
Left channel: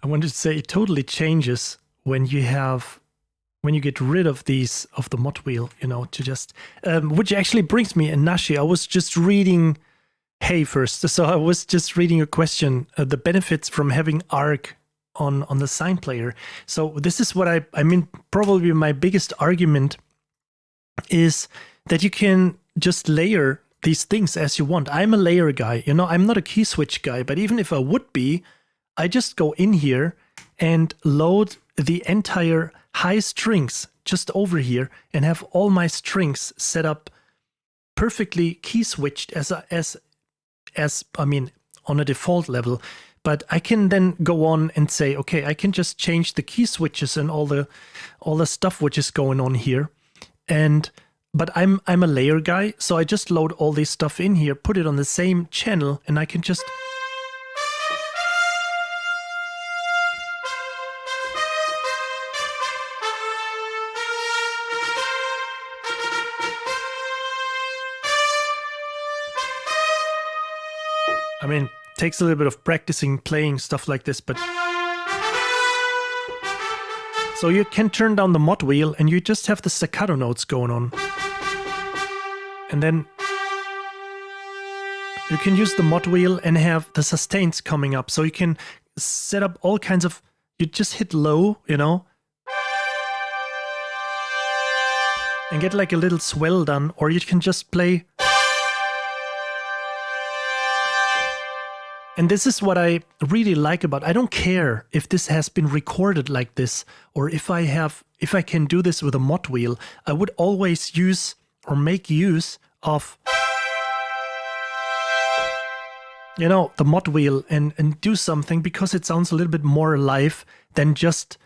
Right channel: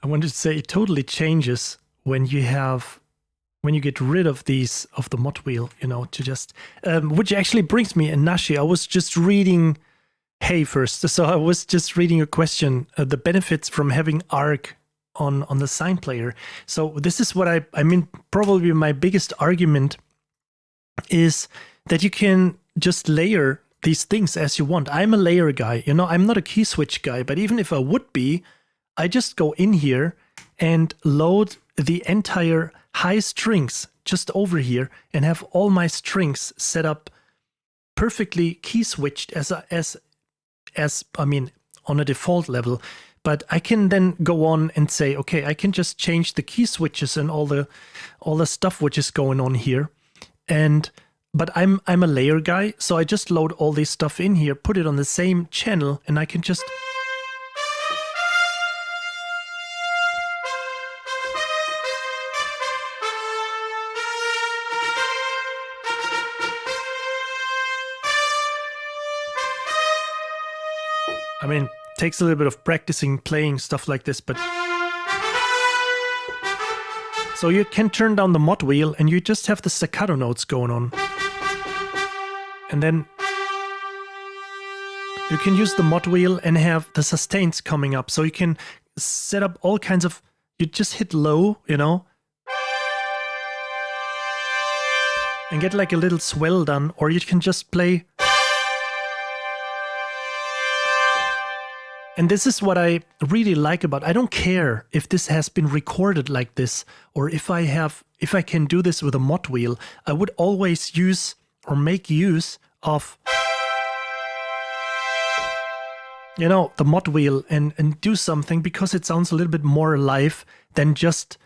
wanted to say it totally changes when you get rid of the mod wheel, to just, which actually brings me, and Nashi, I was just reading, hey, first, so I was just reading a question, the benefits from having arc on the sign player. So this is what I mean, probably my biggest argument is that you can just layer these things as you want. I'm a layer guy, I'm not a key switch guy, but even if I would be, I just go in here and load the entire high strings just over here and have all my strings set up perfectly key switched as I mean, on a default level. But I can then go on and say, okay, I can just change the key switches and all the stuff which is going on here. But I'm a layer guy, so I just load all this stuff in here, put it on the same channel, and I can just... I mean, takes a little bit of practicing playing stuff like this, but... So you can turn down the mod wheel and you just have the staccato notes going on. And then you can use the mod wheel and have the sustains coming up. So you can set up all kinds of... You just hit low, and get like a little swell done, or you can just play... And this is what I really like about, I don't care if this has been recorded like this, or if I can do this with a mod wheel. I would always use or make use of, the mod wheel and do something, because it sounds a little bit more alive than just,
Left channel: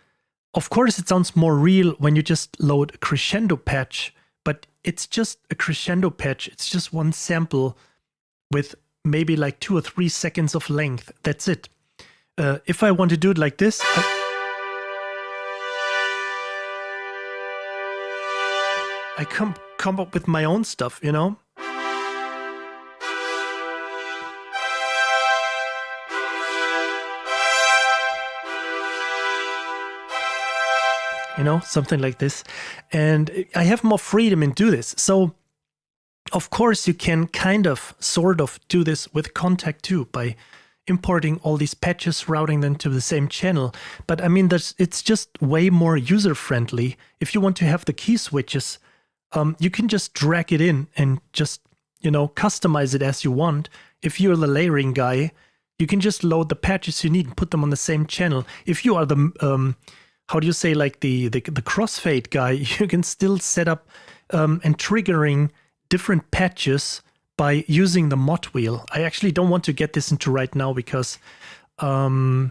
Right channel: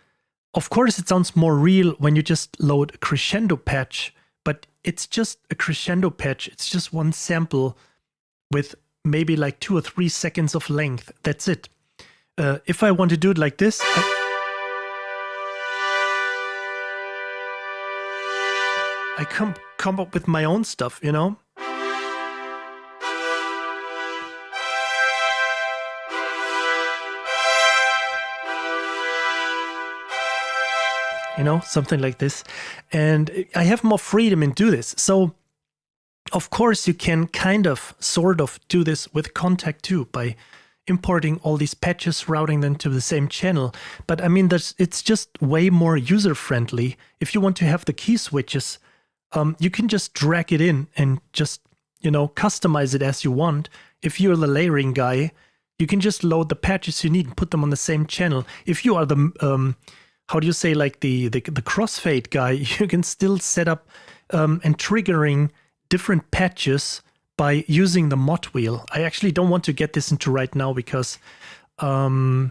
of course it sounds more real when you just load a crescendo patch, but it's just a crescendo patch. It's just one sample with maybe like 2 or 3 seconds of length. That's it. If I want to do it like this, I come up with my own stuff, something like this. And I have more freedom in do this. So of course, you can sort of do this with Contact too, by importing all these patches, routing them to the same channel. But I mean, it's just way more user-friendly. If you want to have the key switches, you can just drag it in and just, customize it as you want. If you're the layering guy, you can just load the patches you need and put them on the same channel. If you are the, how do you say, like the crossfade guy, you can still set up and triggering different patches by using the mod wheel. I actually don't want to get this into right now because, I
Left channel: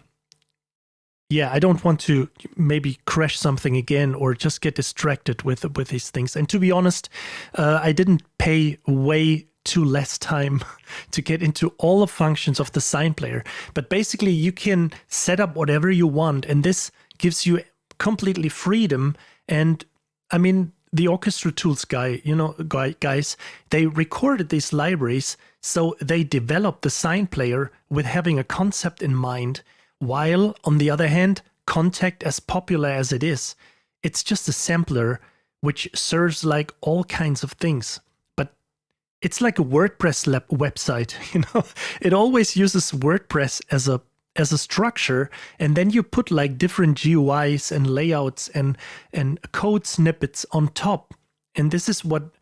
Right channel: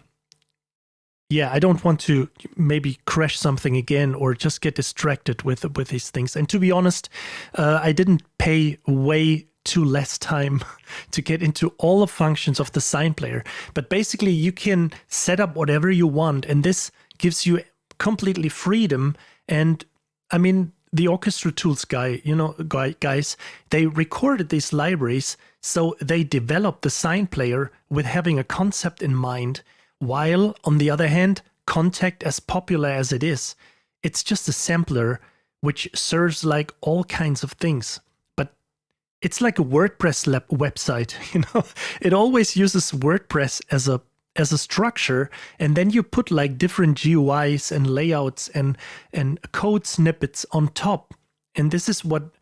don't want to maybe crash something again or just get distracted with these things. And to be honest, I didn't pay way too less time to get into all the functions of the sign player. But basically, you can set up whatever you want, and this gives you completely freedom. And I mean, the Orchestral Tools guys, they recorded these libraries, so they developed the sign player with having a concept in mind, while, on the other hand, Contact, as popular as it is, it's just a sampler which serves like all kinds of things. But it's like a WordPress website, It always uses WordPress as a structure, and then you put like different GUIs and layouts and code snippets on top. And this is what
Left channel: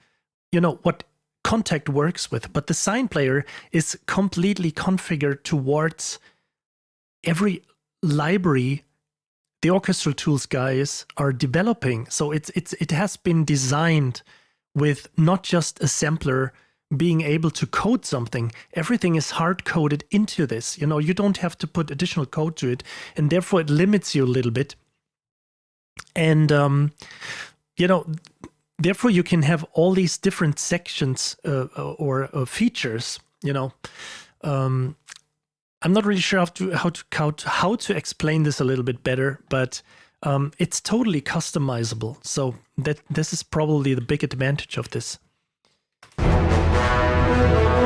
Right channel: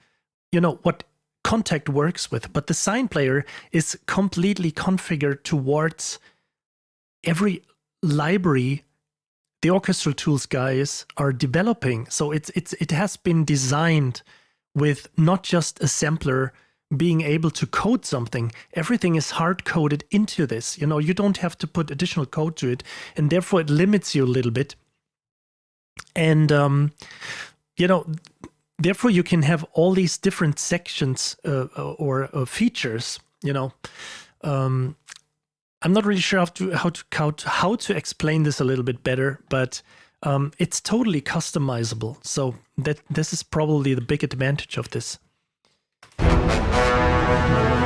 Contact works with. But the sign player is completely configured towards every library the Orchestral Tools guys are developing. So it has been designed with not just a sampler being able to code something. Everything is hard-coded into this. You don't have to put additional code to it, and therefore it limits you a little bit. And, therefore you can have all these different sections or features, I'm not really sure how to explain this a little bit better, but it's totally customizable. So this is probably the big advantage of this.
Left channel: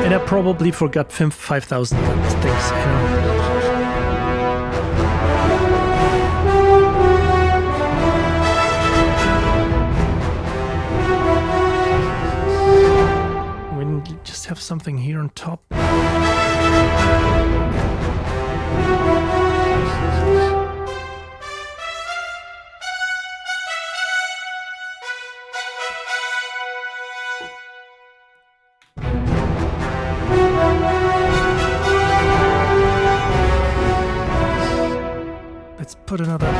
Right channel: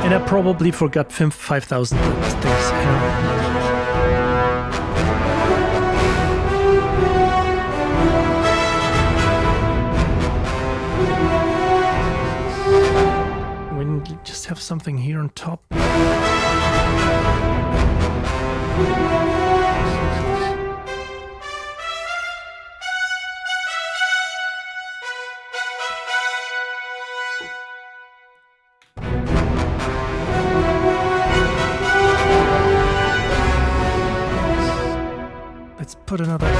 And I probably forgot 5,000 things, something here on top. Let's put another...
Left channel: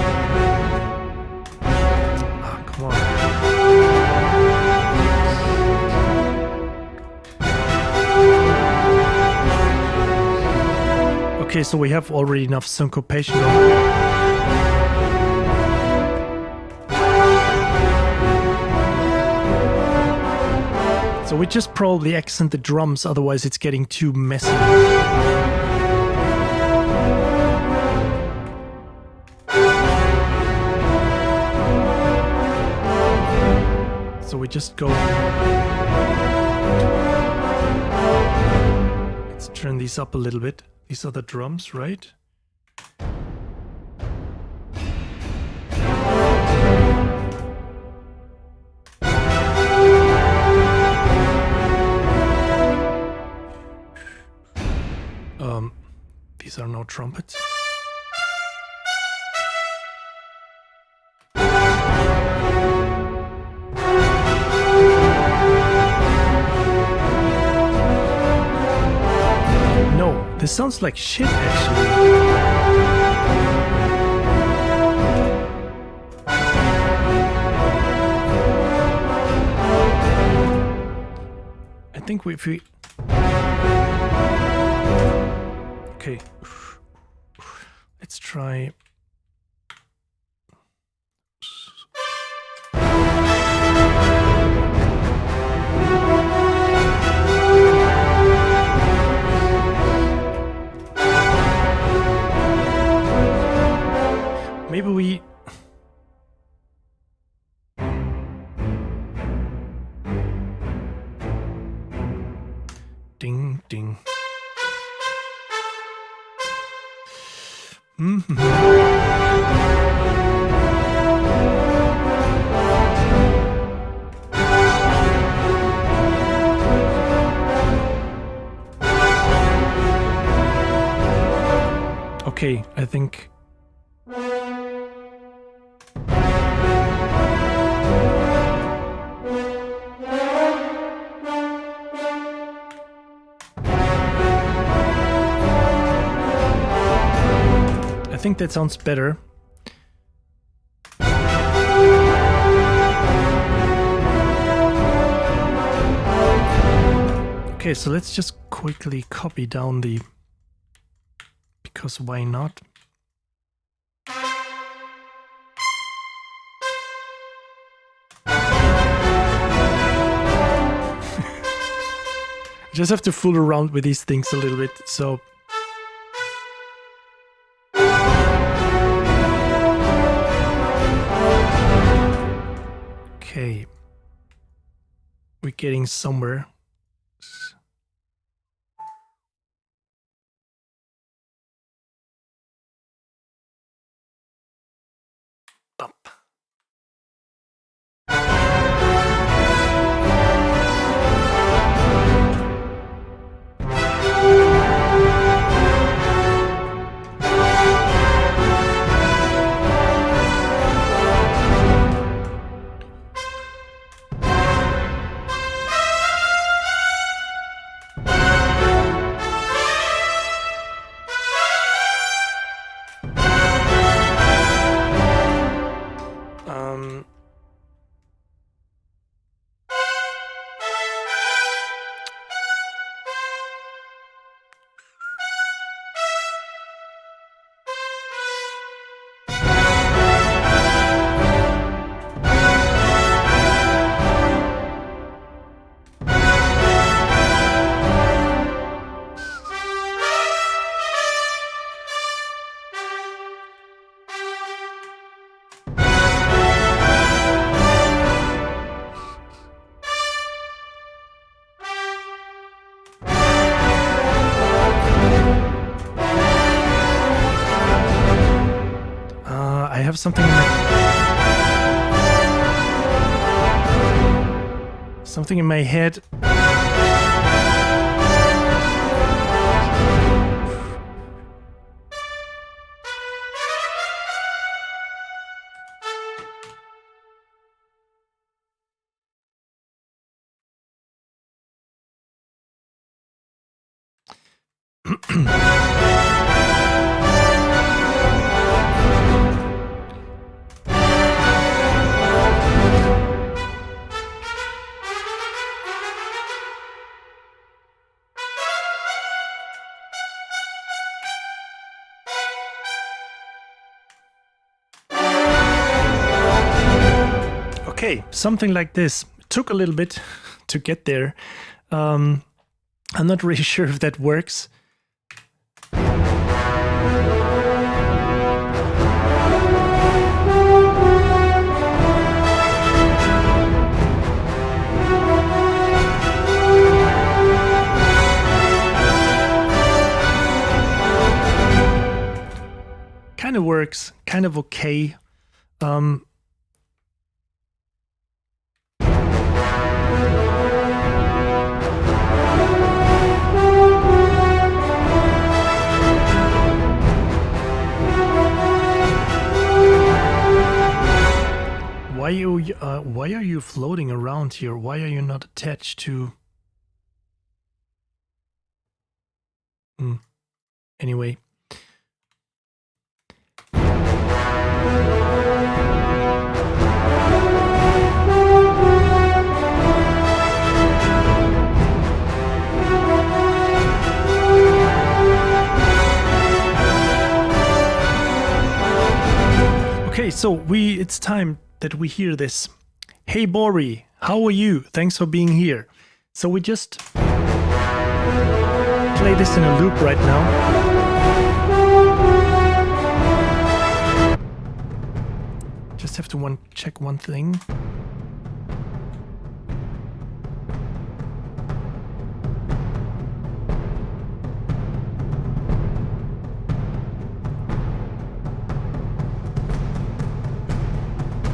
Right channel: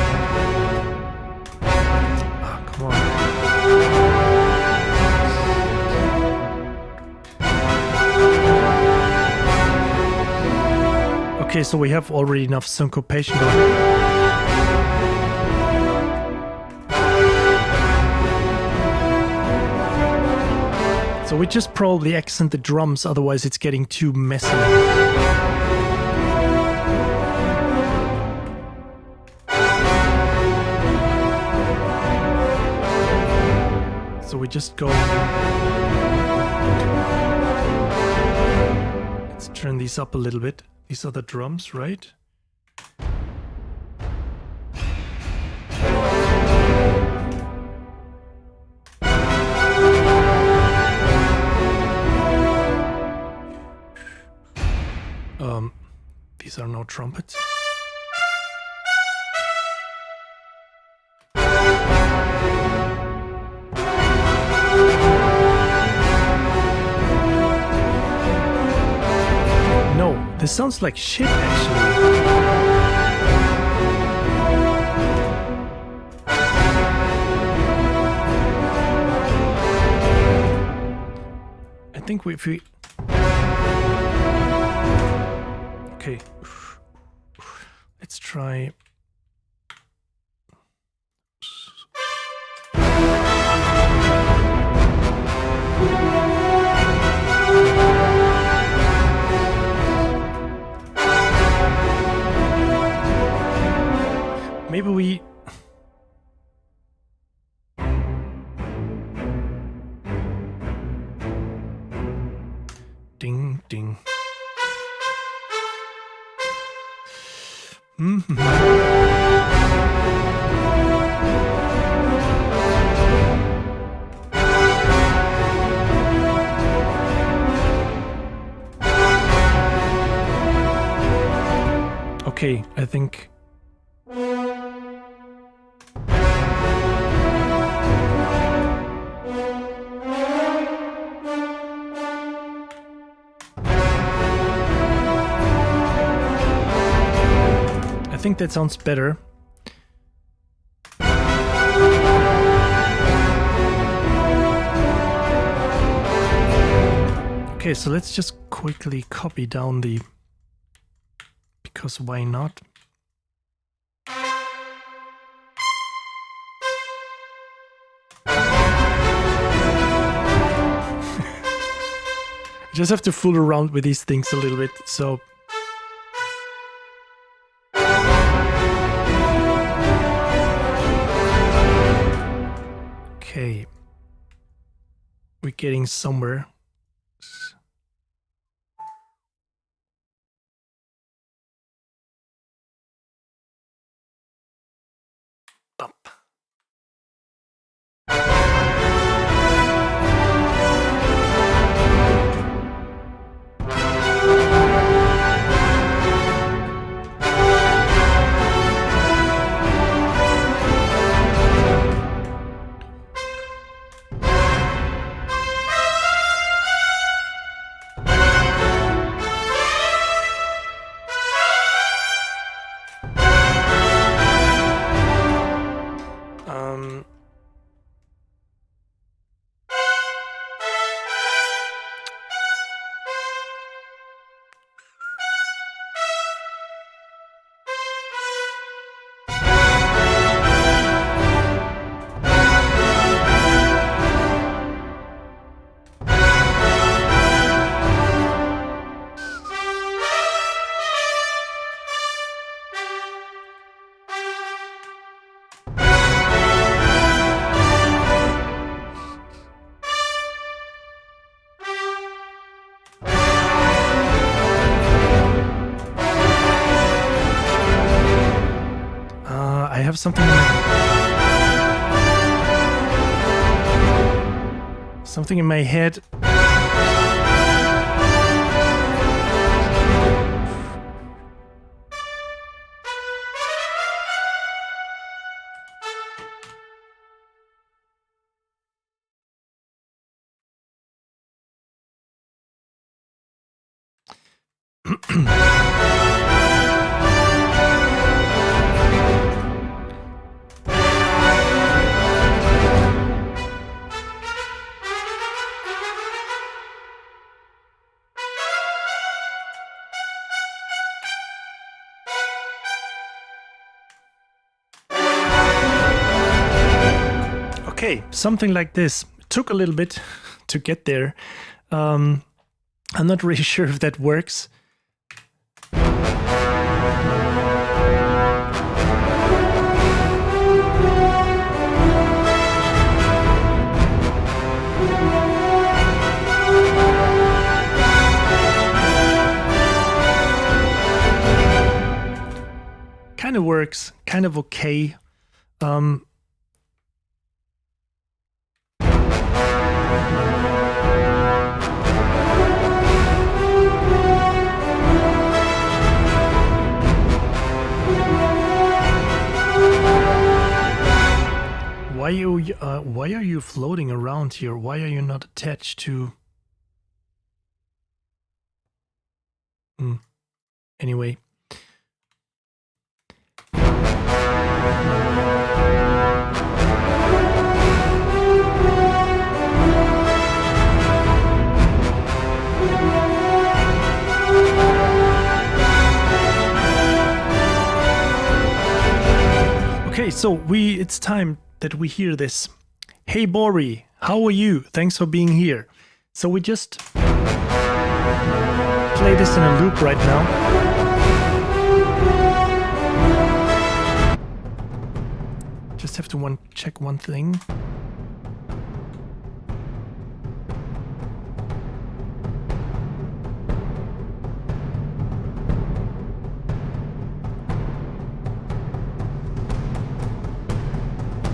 Ah, come on. Okay, so we have already enough syncopation going. So we just probably accent the drums, otherwise it's getting too messy. So we just go... Let's turn these up a little bit. These are the drums, right? These are no trumpets. No, this sounds like shit, actually. I think if we... Okay. Let's try... Maybe we... Ding, ding. Okay, I think... I think that sounds better. Okay, so let's just quickly copy down the... Because why not? Just have to fool around with these things a little bit, so... Okay. We're getting somewhere. Bump. I have something in my head. Okay, something like this. It took a little bit to get there. I'm not really sure if that works. Kind of works, kind of okay. Why are you floating around here? Why are you not attached to... Anyway. Okay, so it's time that we hear this. Hey Bori, how are you? Thanks for being here. So we just play this in a loop right now. Just have to check one thing.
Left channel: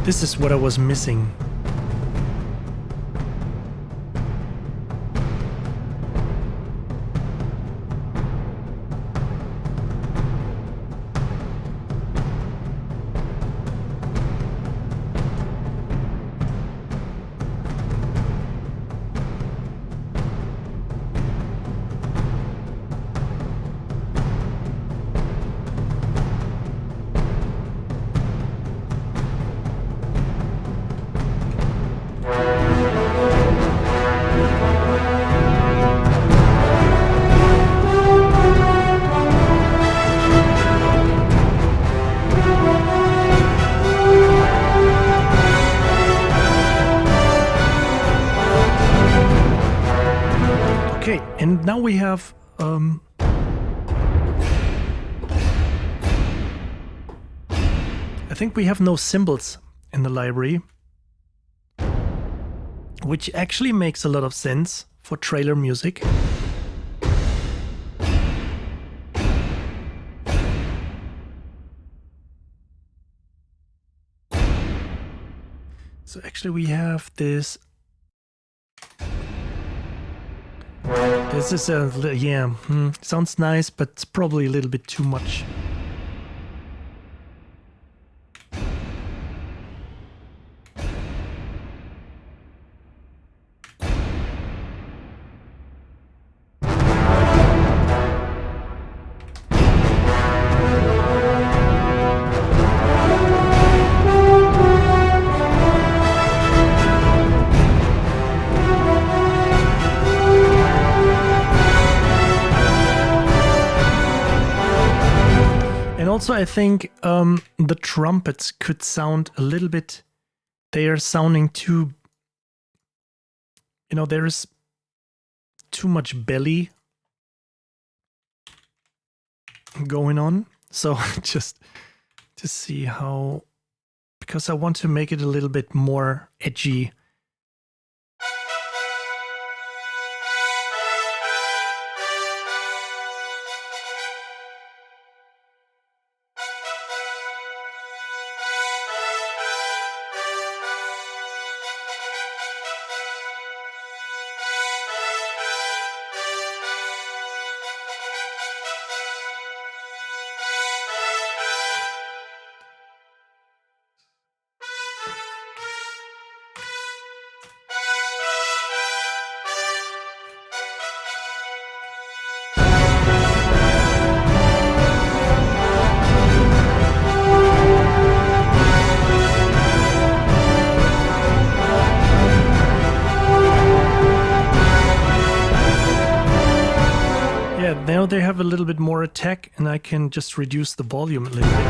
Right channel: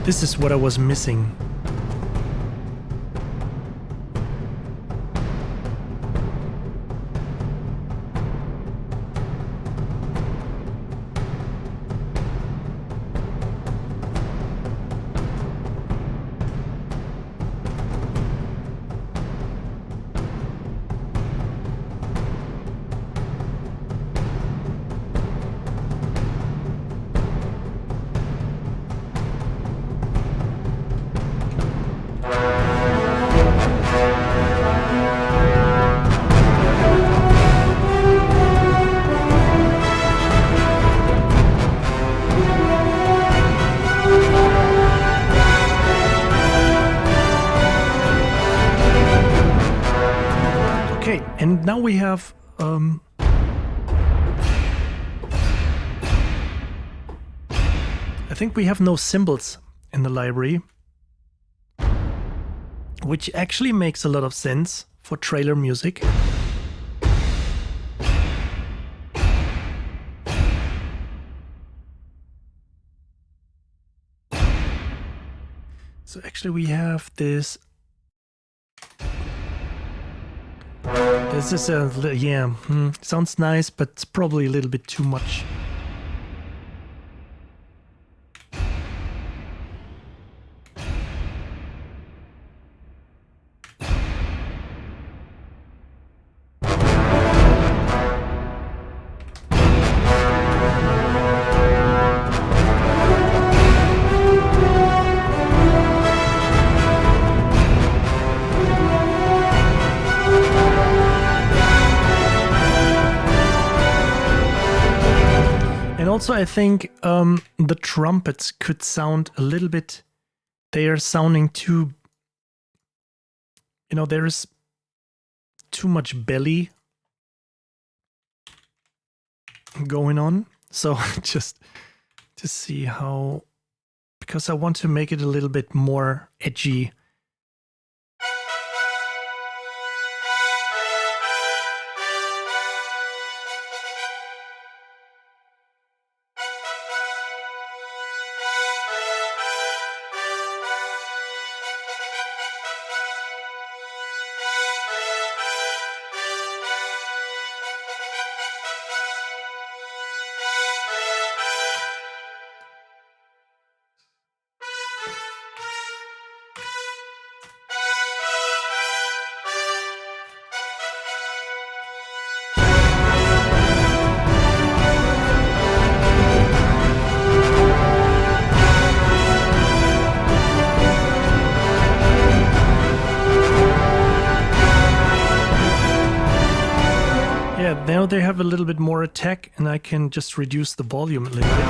This is what I was missing. Okay, and now we have I think we have no cymbals in the library, which actually makes a lot of sense for trailer music. So actually we have this. This is sounds nice, but it's probably a little bit too much. And also I think the trumpets could sound a little bit, they are sounding too, there is too much belly going on. So just to see how, because I want to make it a little bit more edgy. now they have a little bit more attack, and I can just reduce the volume a little bit.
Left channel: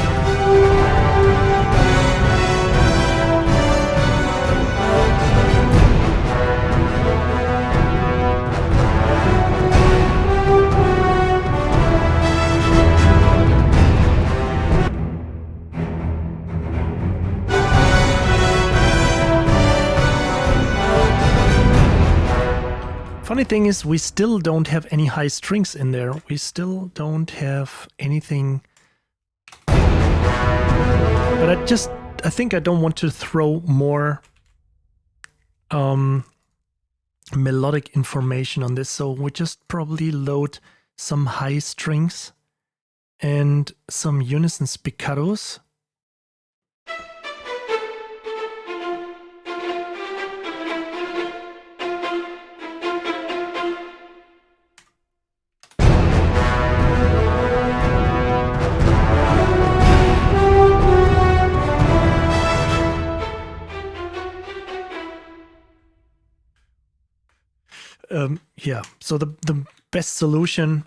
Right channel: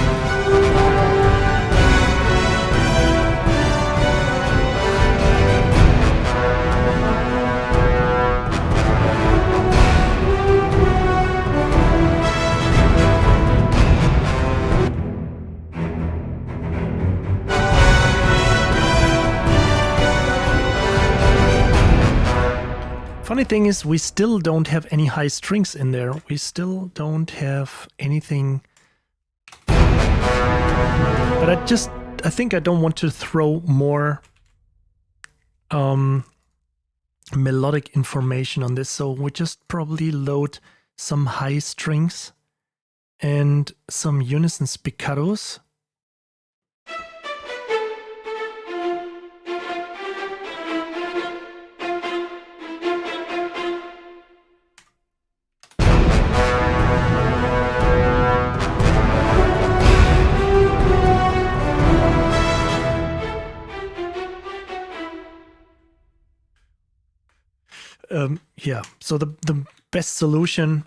Funny thing is, we still don't have any high strings in there. We still don't have anything. But I think I don't want to throw more melodic information on this. So we just probably load some high strings and some unison spiccatos. Yeah, so the best solution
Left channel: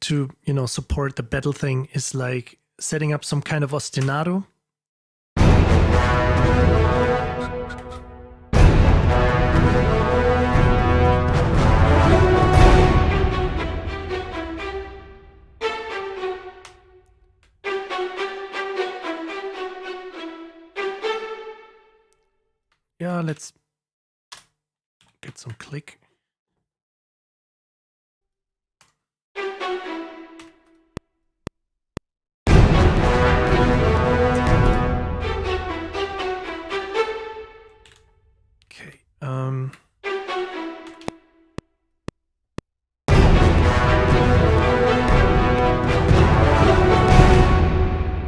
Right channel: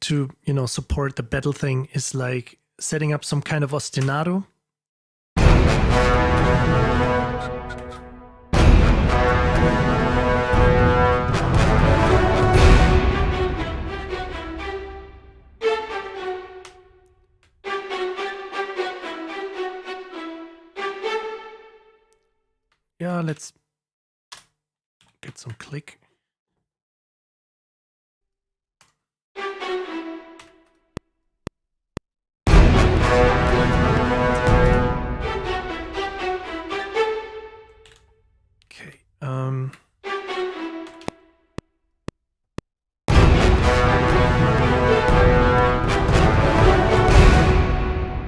to, support the battle thing is like setting up some kind of ostinato. Yeah, let's get some click.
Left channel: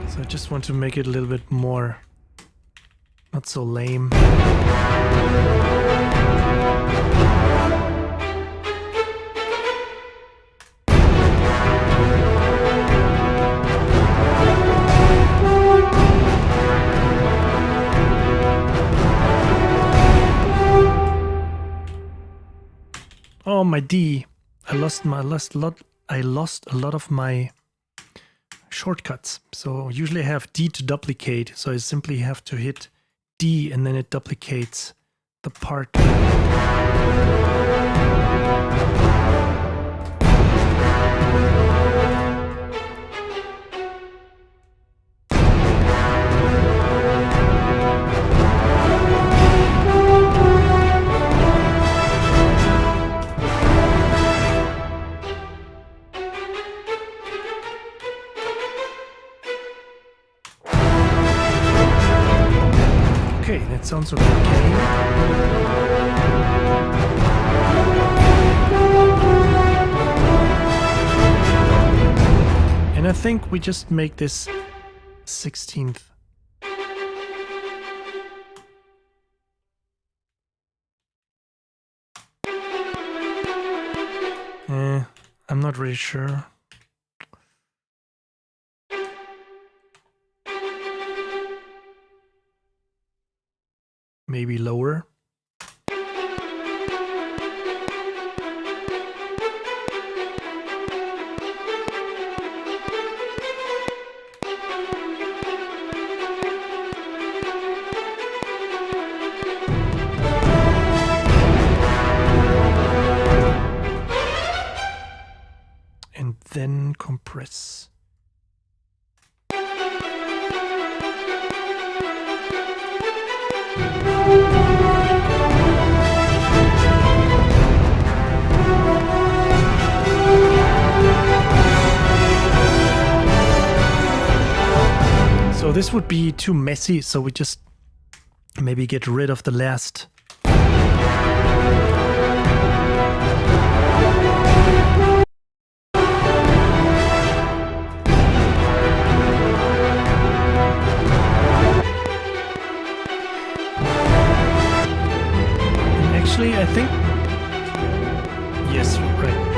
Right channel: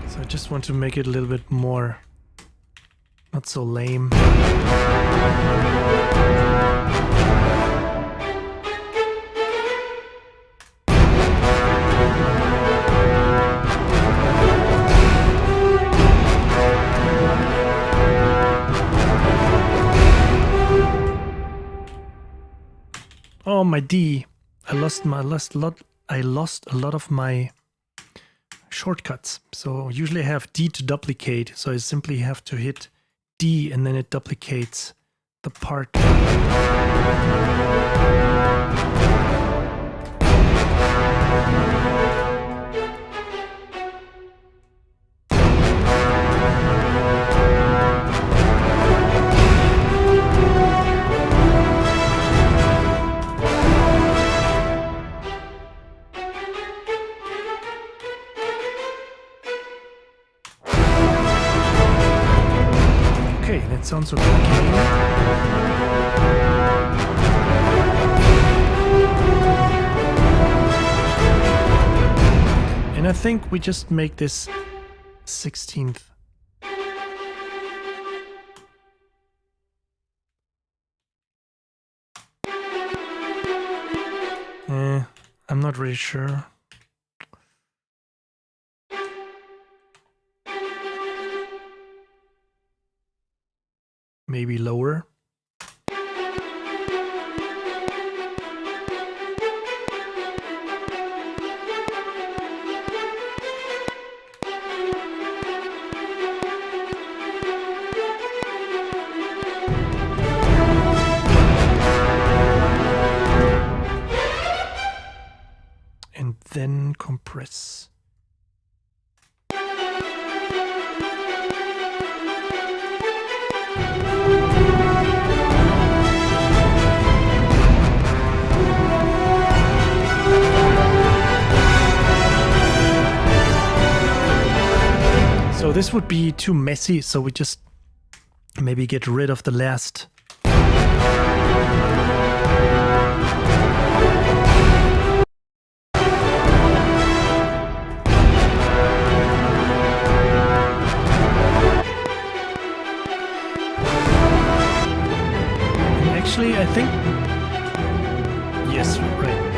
So I just want to make it a little bit more, not so lame. Oh, my D. I lost a lot of my shortcuts. So usually I have D to duplicate. So I simply have to hit D and then it duplicates the part. Okay, that sounds okay. And I think we just make this 16th. I'm not really sure. Maybe lower. And then compress. So this would be too messy, so we just maybe get rid of the last. And actually, I think, yes, right.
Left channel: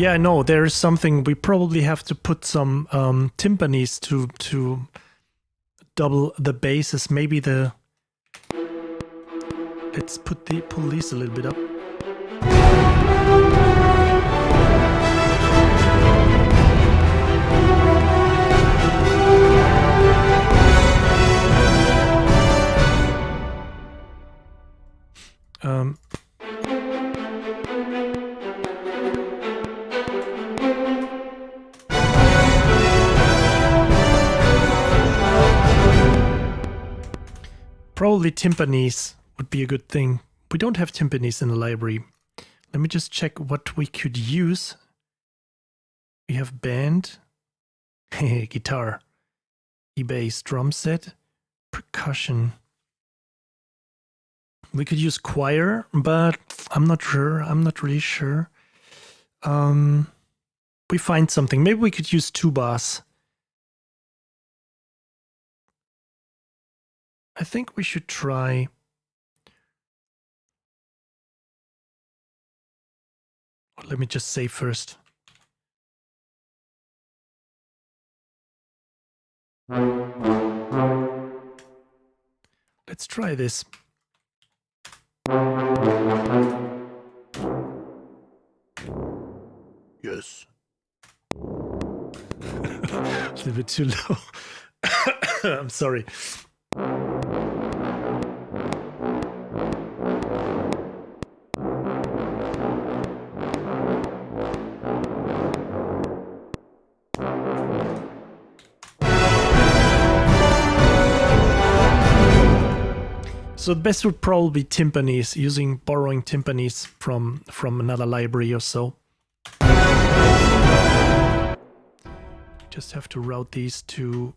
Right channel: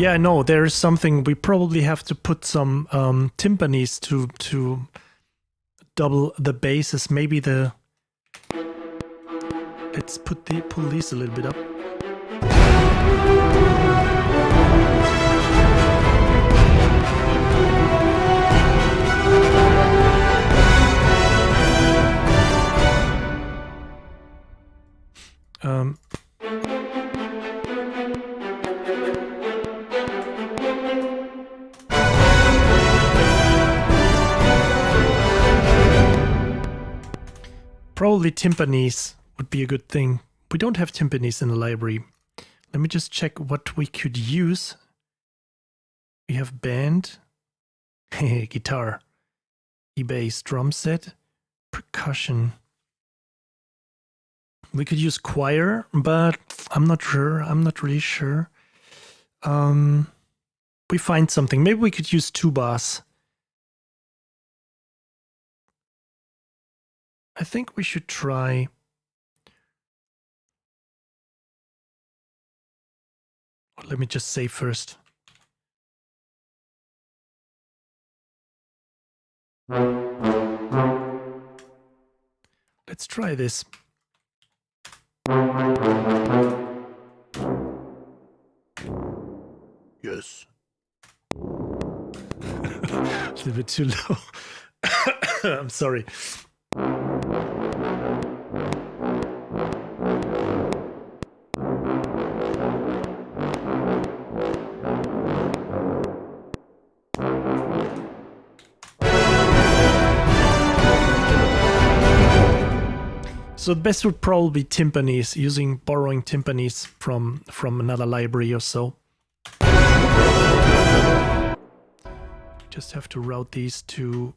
Yeah, no, there is something. We probably have to put some timpanis to double the basses. Maybe the. Let's pull these a little bit up. Probably timpanis would be a good thing. We don't have timpanis in the library. Let me just check what we could use. We have band, guitar, E-bass, drum set, percussion. We could use choir, but I'm not sure. I'm not really sure. We find something. Maybe we could use tubas. I think we should try. Let me just say first. Let's try this. Yes. A little bit too low. I'm sorry. So the best would probably be timpanis, borrowing timpanis from another library or so. Just have to route these to.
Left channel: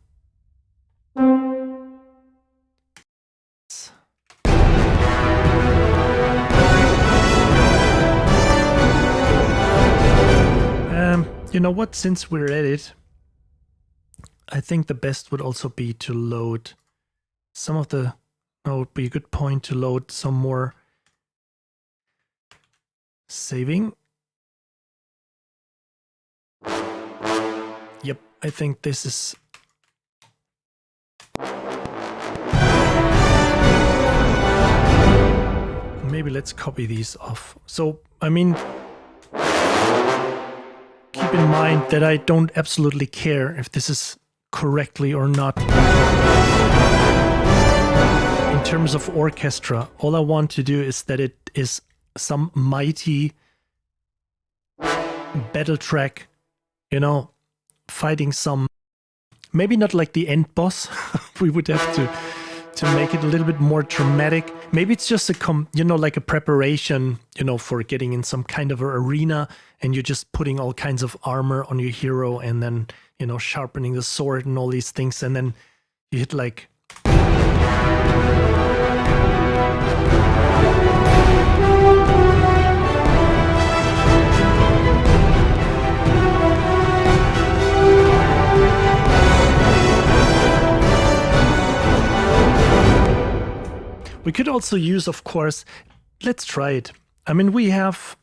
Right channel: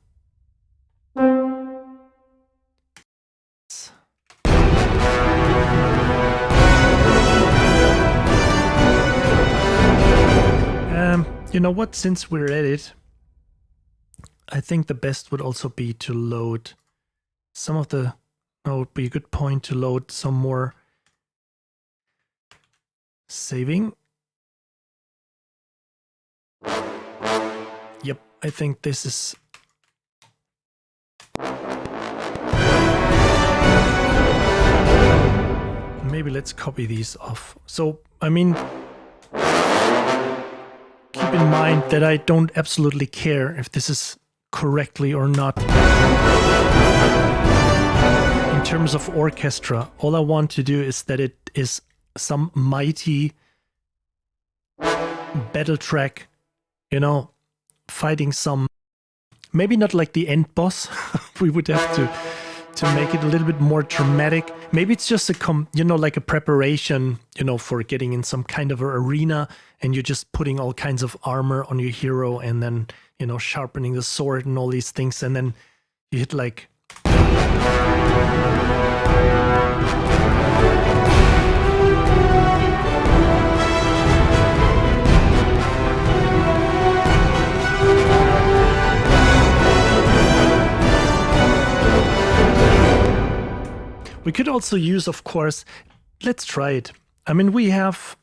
You know what? Since we're at it, I think the best would also be to load some of the. It would be a good point to load some more saving. Yep, I think this is. Maybe let's copy these off. So, I mean, keep in mind that I don't absolutely care if this is correctly or not. In terms of orchestra, all I want to do is that it is some mighty battle track, you know, fighting some, maybe not like the end boss. We would have to make it a little bit more dramatic. Maybe it's just like a preparation, for getting in some kind of an arena, and you're just putting all kinds of armor on your hero, and then, sharpening the sword and all these things, and then you hit like. We could also use, of course, let's try it. I mean, we have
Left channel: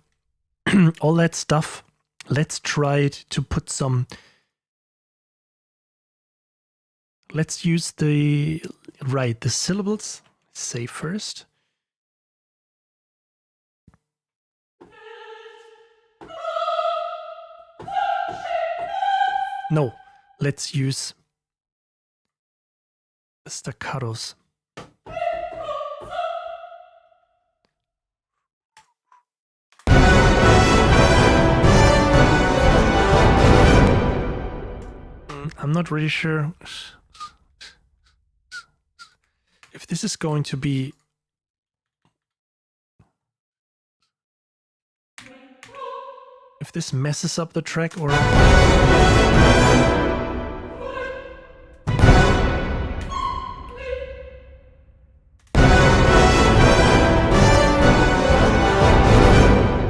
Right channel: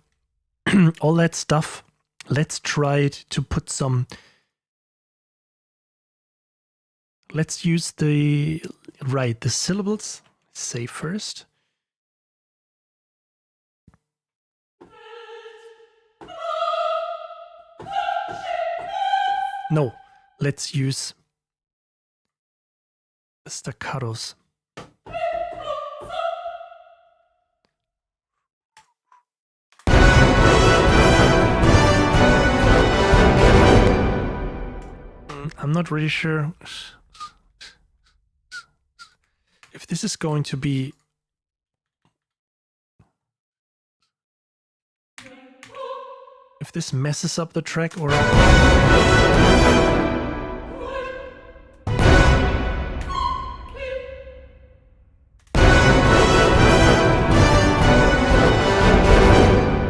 all that stuff. Let's try it to put some. Let's use the syllables. Say first. No, let's use staccatos. I'm not really sure if this is going to be. If this messes up the track or.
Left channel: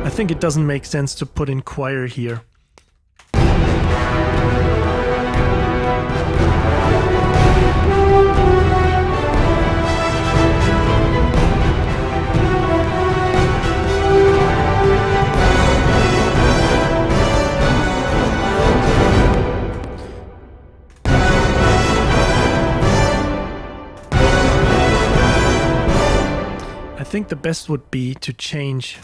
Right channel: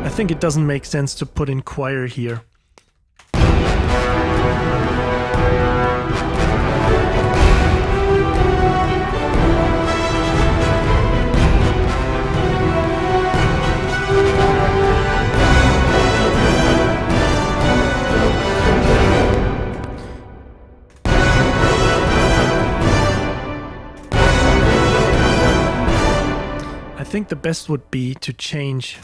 I think it doesn't make sense to put in choir here. think the best would be to change.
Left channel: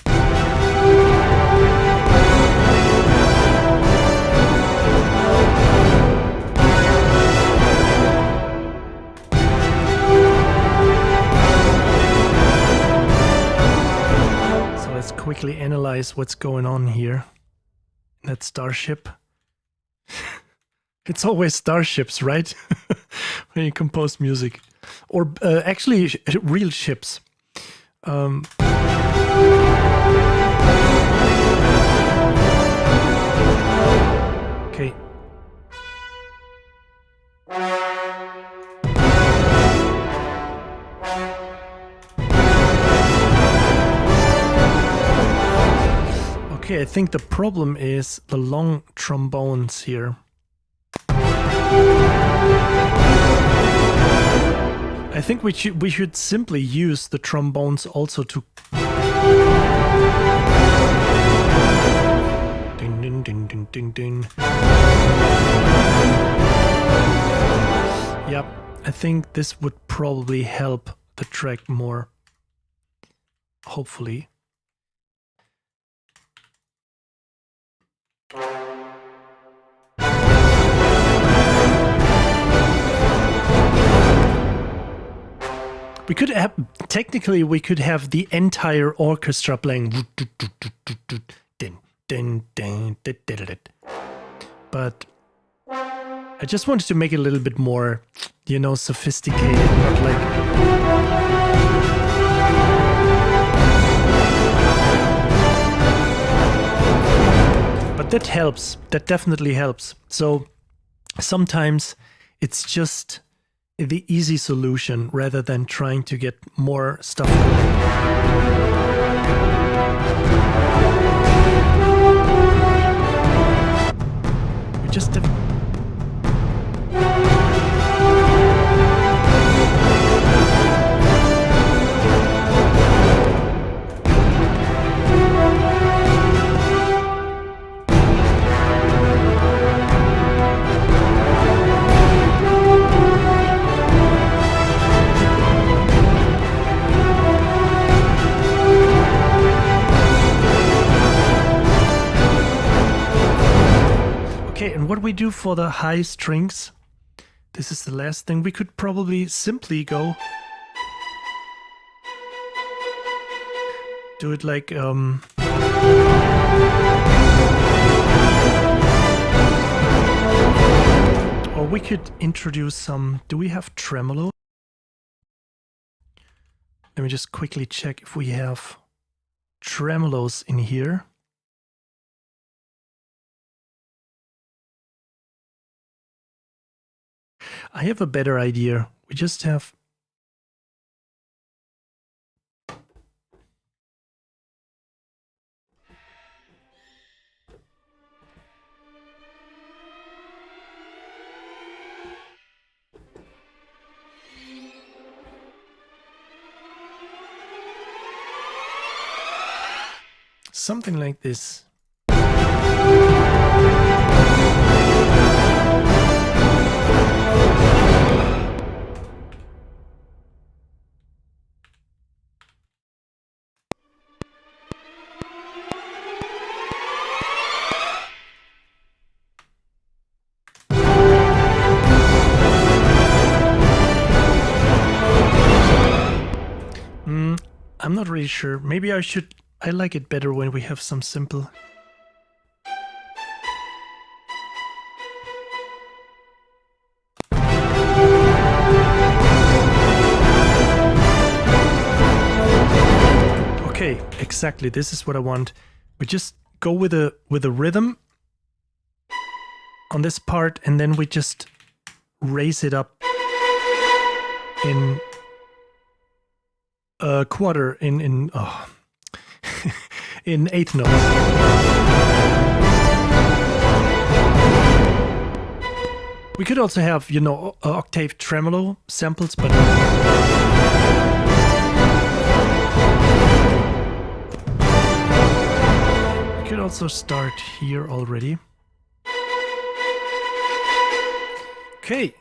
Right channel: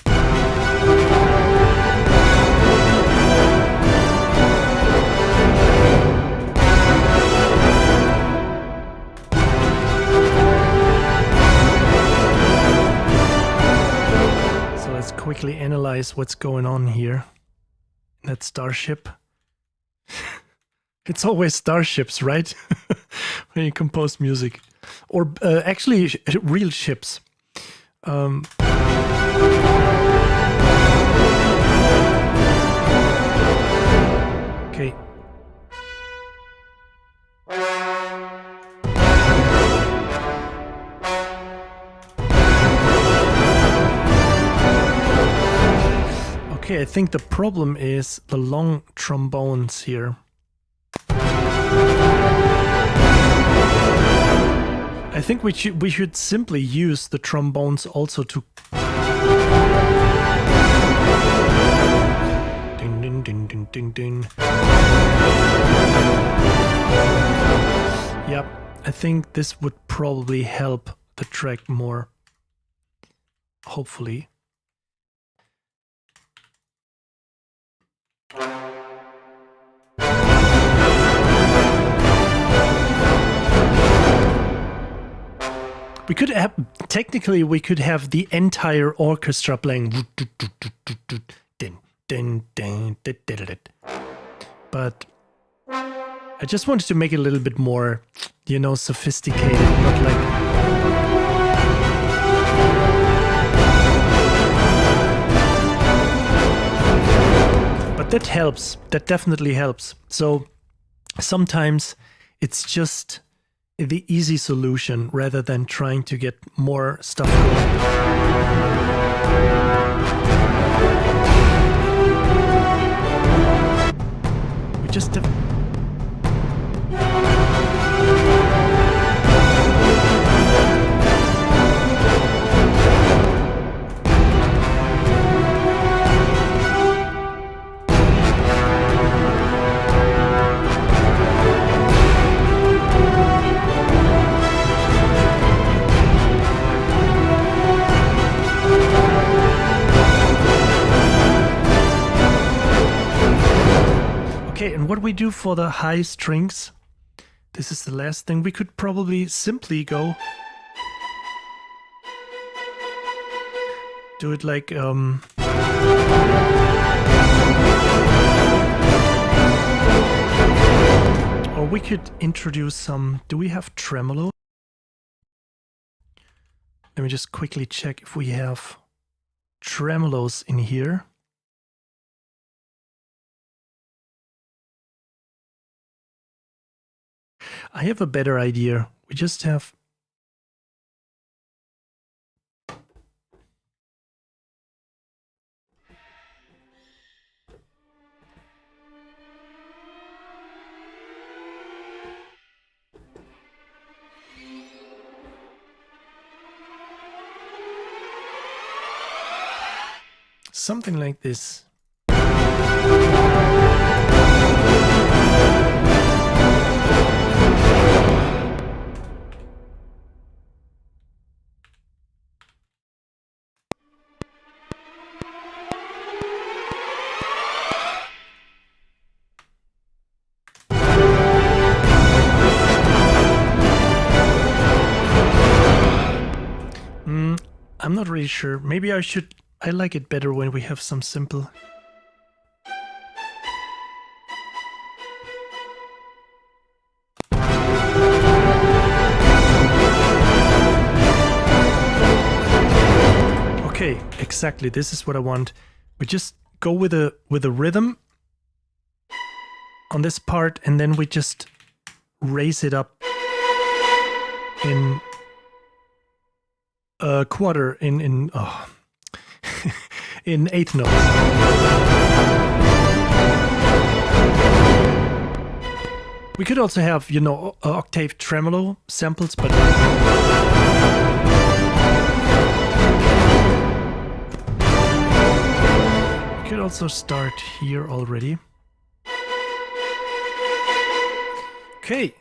So let's quickly analyze what's going on here. That starship. It's always starships, right? When you compose music. Or actually real ships. Okay. Okay, I think the problem is the long trombones here. I think we should simply use the trombones also to ding ding ding ding ding ding. Yep, I think this would probably help the track more. Hopefully. We could have, technically, we could have the entire orchestra playing. But I just wanted to make it a little bit more, you know, sophisticated, not like... But that helps. That definitely helps. So sometimes it's just the easy solution rather than trying to get more stuff going. We just Okay, and what we do for the high strings, this is the last thing, we could probably simply go do it like or we could introduce some, do we have tremolo? Let me just quickly check if we have tremolos in here. I have a better idea. We just have... something like this. I'm not really sure. Maybe I should... I like it better when we have some simple... Okay, exactly. This is what I want. We just go with a rhythm on this part, and then we just raise it up in a quarter in in eighth notes. We could also have, you know, octave tremolo samples, but we could also start here already. Okay.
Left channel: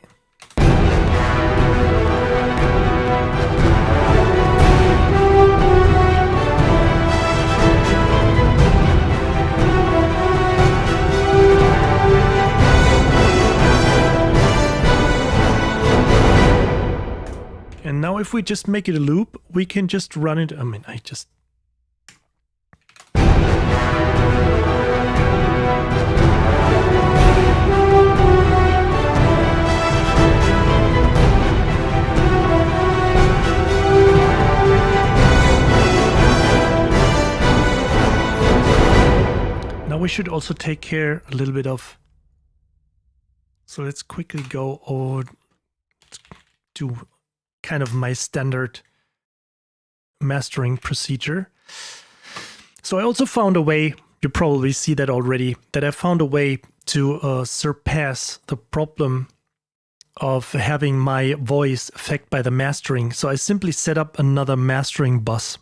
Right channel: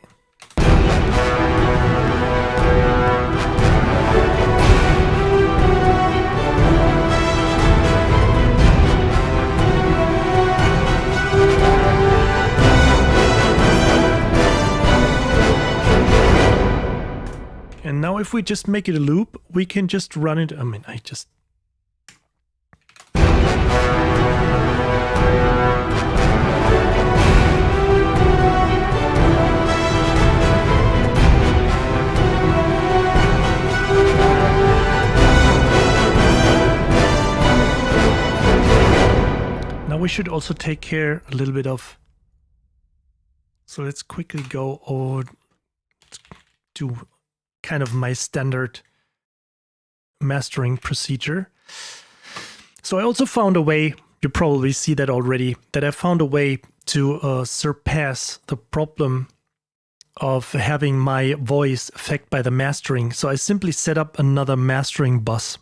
Now, if we just make it a loop, we can just run it. I mean, now we should also take care a little bit of. So let's quickly go over to kind of my standard mastering procedure. So I also found a way, you probably see that already, that I found a way to surpass the problem of having my voice affected by the mastering. So I simply set up another mastering bus.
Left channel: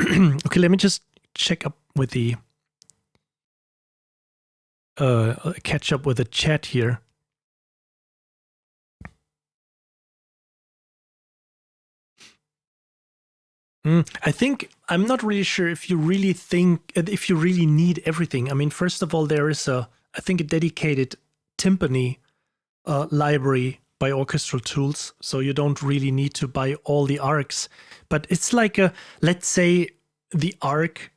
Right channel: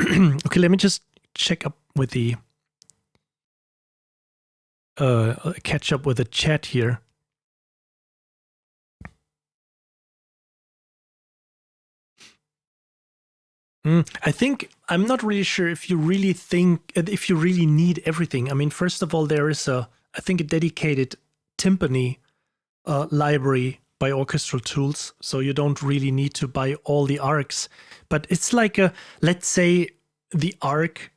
Okay, let me just check up with the catch up with the chat here. I think I'm not really sure if you really need everything. I mean, first of all, there is I think a dedicated timpani library by Orchestral Tools, so you don't really need to buy all the arcs. But it's like let's say the arc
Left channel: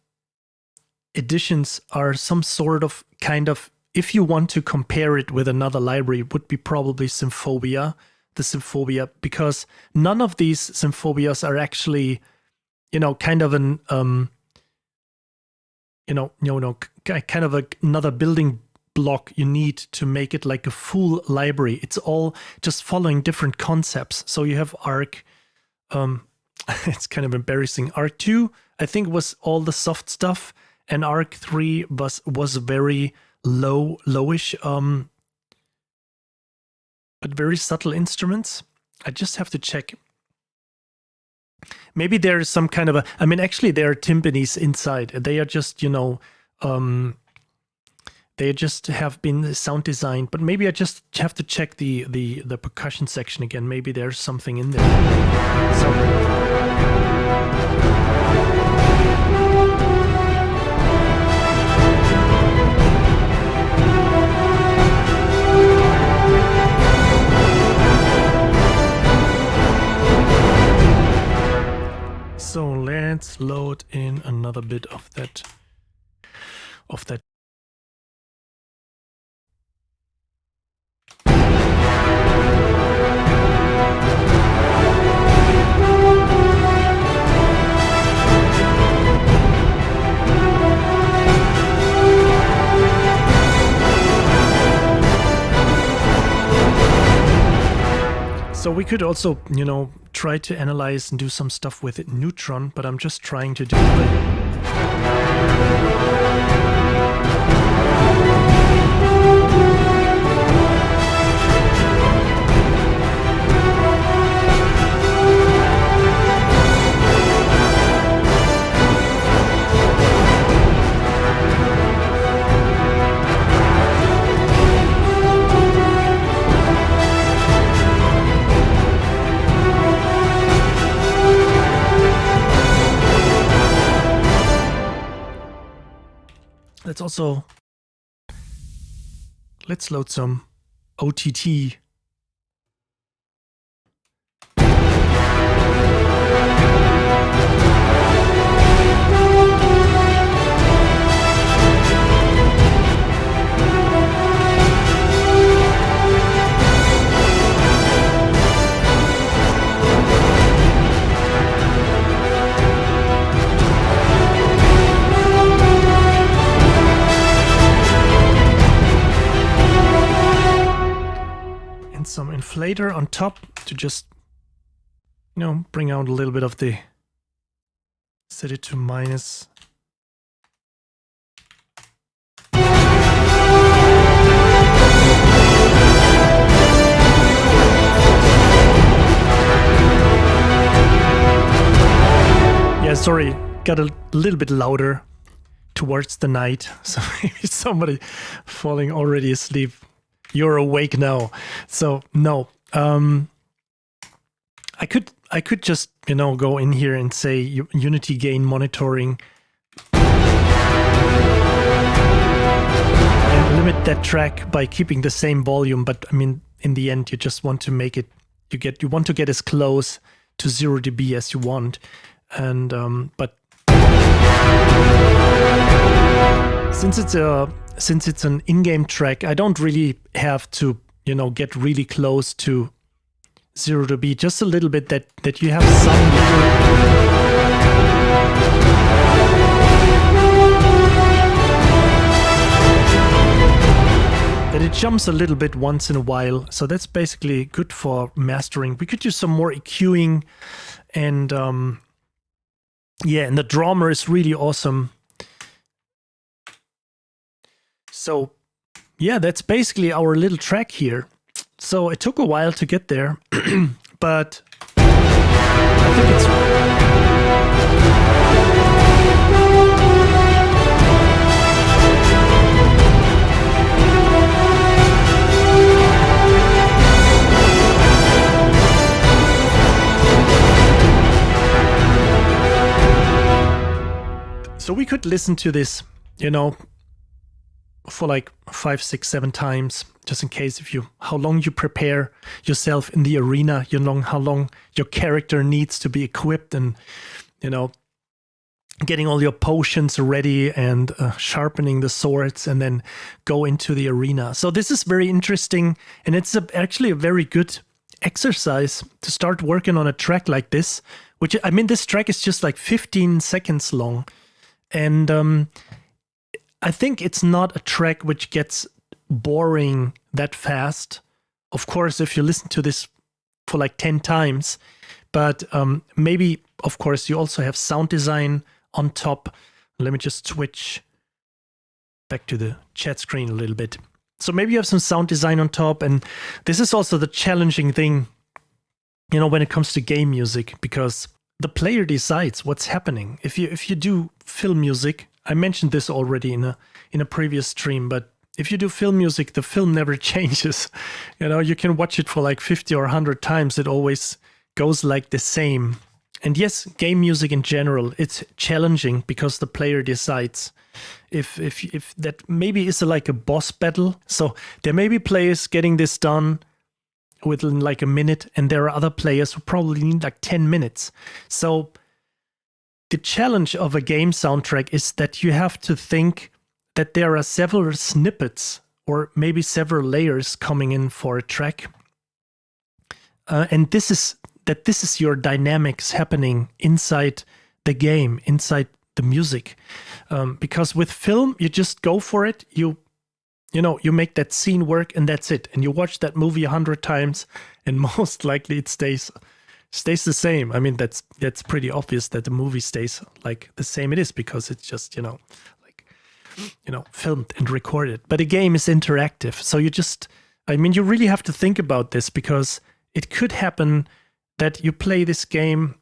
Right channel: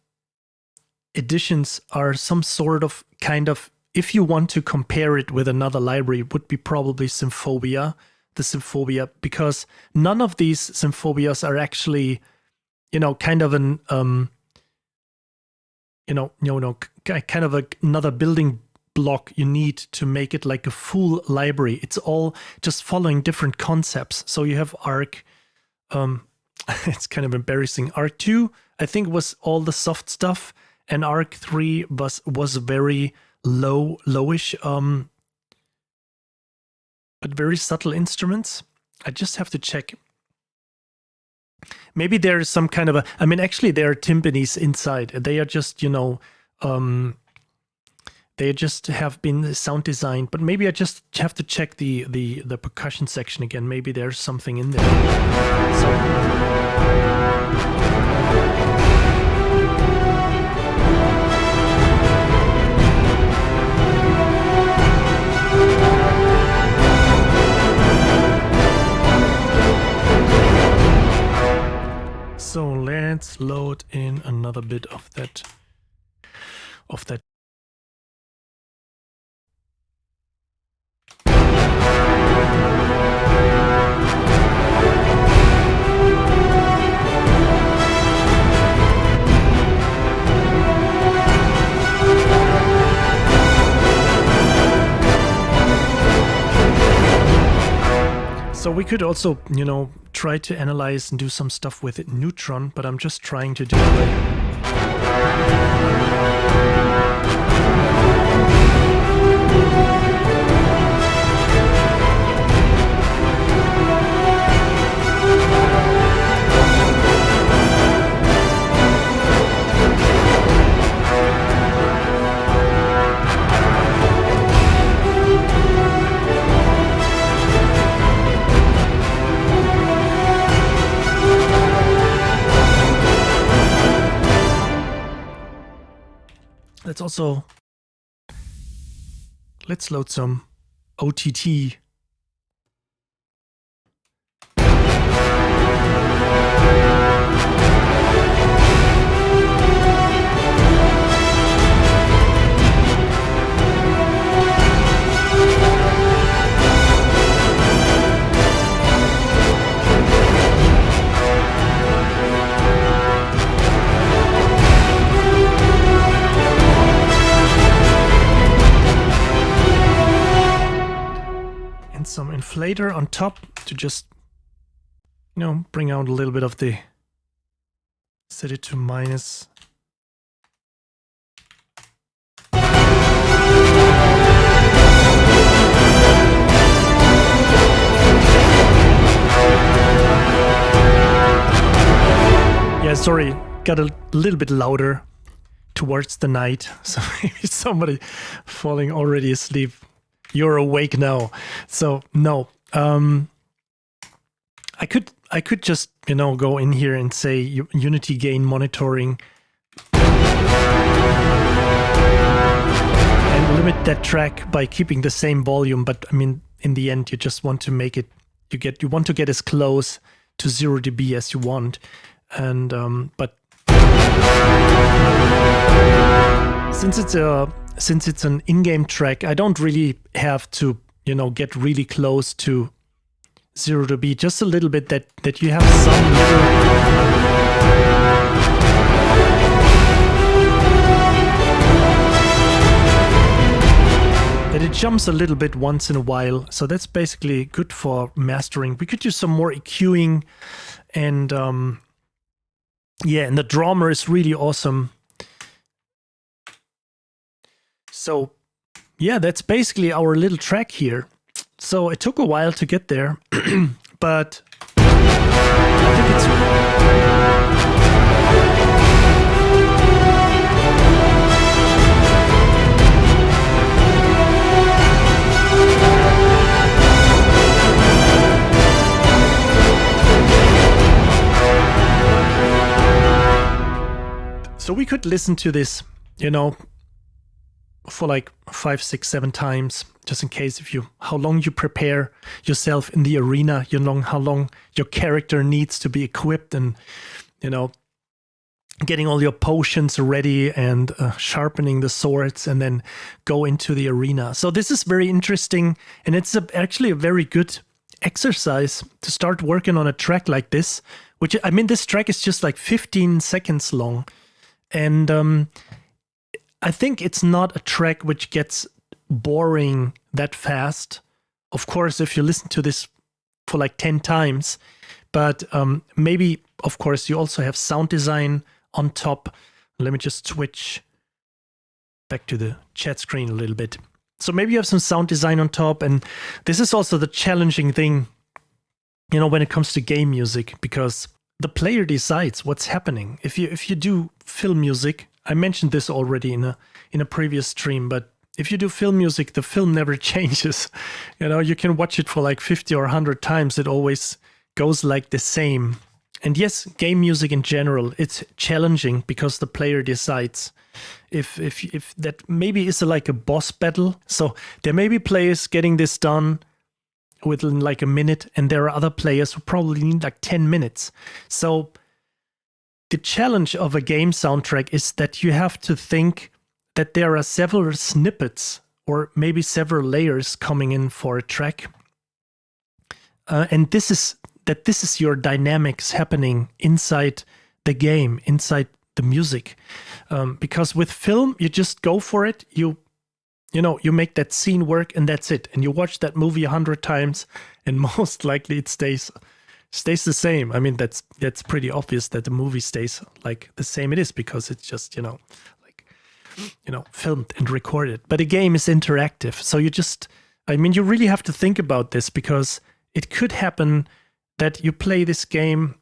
editions are some sort of kind of, if you want to compare it with another library, it would be probably Symphobia, the Symphobia, because none of these Symphobias are actually, kind of an, kind of another building block you need to make it like a full library. It's all just following different concepts. So you have Arc, it's kind of embarrassing. Arc 2, I think, was all the soft stuff, and Arc 3 was very lowish, but very subtle instruments. I just have to check. Maybe there is some kind of a, I mean, actually there are timpanis inside. They are just, they just have been sound designed, but maybe I just have to check the percussion section again. Maybe there's something in there. So let's load in another bit of that. So we could also, try to analyze and do some stuff with it neutron, but I'm just trying to do it. Let's load some OTT. Some inflator on top to just, bring out a little bit of the, set it to minus. Yeah, sorry, got a little bit louder towards the night. So maybe somebody falling already asleep. You're awake now. So no, I could just, go in here and say unity gain monitoring and limit that track by keeping the same volume. But I mean, in the end, you just want to make it, you want to get as close to 0 dB as you want, and but since it's an in-game track, I don't really have to get really close to 0 dB, just a little bit, that you have some little that it jumps a little bit once in a while. So that's basically good for mastering. We could use some more EQing, and yeah, and the drummer is really awesome. So yeah, that's basically our little track here. So it took a while to get there, but I think it's so we could listen to this, for like 5, 6, 7 times, just in case how long you prepare yourself in the arena, how long your character needs to be equipped, and getting all your potions ready, and sharpening the swords, and then go into the arena. So this is very interesting, and it's actually a very good exercise to start working on a track like this, which, I mean, this track is just like 15 seconds long. And I think it's not a track which gets boring that fast. Of course, if you listen to this for like 10 times, but maybe, of course, you also have sound design on top. Let me just switch back to the chat screen a little bit. So maybe you have some sound design on top, and this is also the challenging thing, when it comes to game music, because the player decides what's happening. If you do film music, I mentioned this already in a previous stream, but if you do film music, the film never changes. You can watch it for like 50 or 100 times. It always goes like the same. And yes, game music in general, it's challenging because the player decides if that maybe is like a boss battle. So there may be players getting this done within like a minute, and there are other players who probably need like 10 minutes. So the challenge of a game soundtrack is that you have to think that there are several snippets or maybe several layers coming in for a track. And this is your dynamics happening inside the game, inside the music. Because with film, you just go for it. You make that scene work, and that's it. And you watch that movie 100 times, and most likely it stays the same. I mean, that's pretty obvious that the movie stays like the same it is, because it's just, filmed and recorded. But a game is interactive. So you really have to think about this, because it could happen that you play this game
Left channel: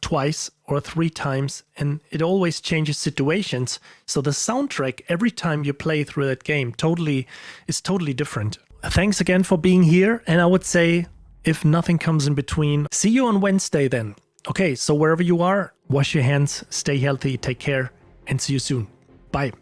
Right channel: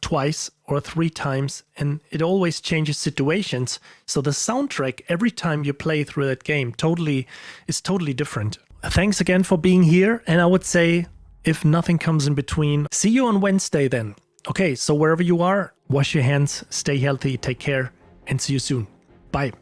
twice or 3 times, and it always changes situations. So the soundtrack, every time you play through that game, is totally different. Thanks again for being here, and I would say, if nothing comes in between, see you on Wednesday then. Okay, so wherever you are, wash your hands, stay healthy, take care, and see you soon. Bye.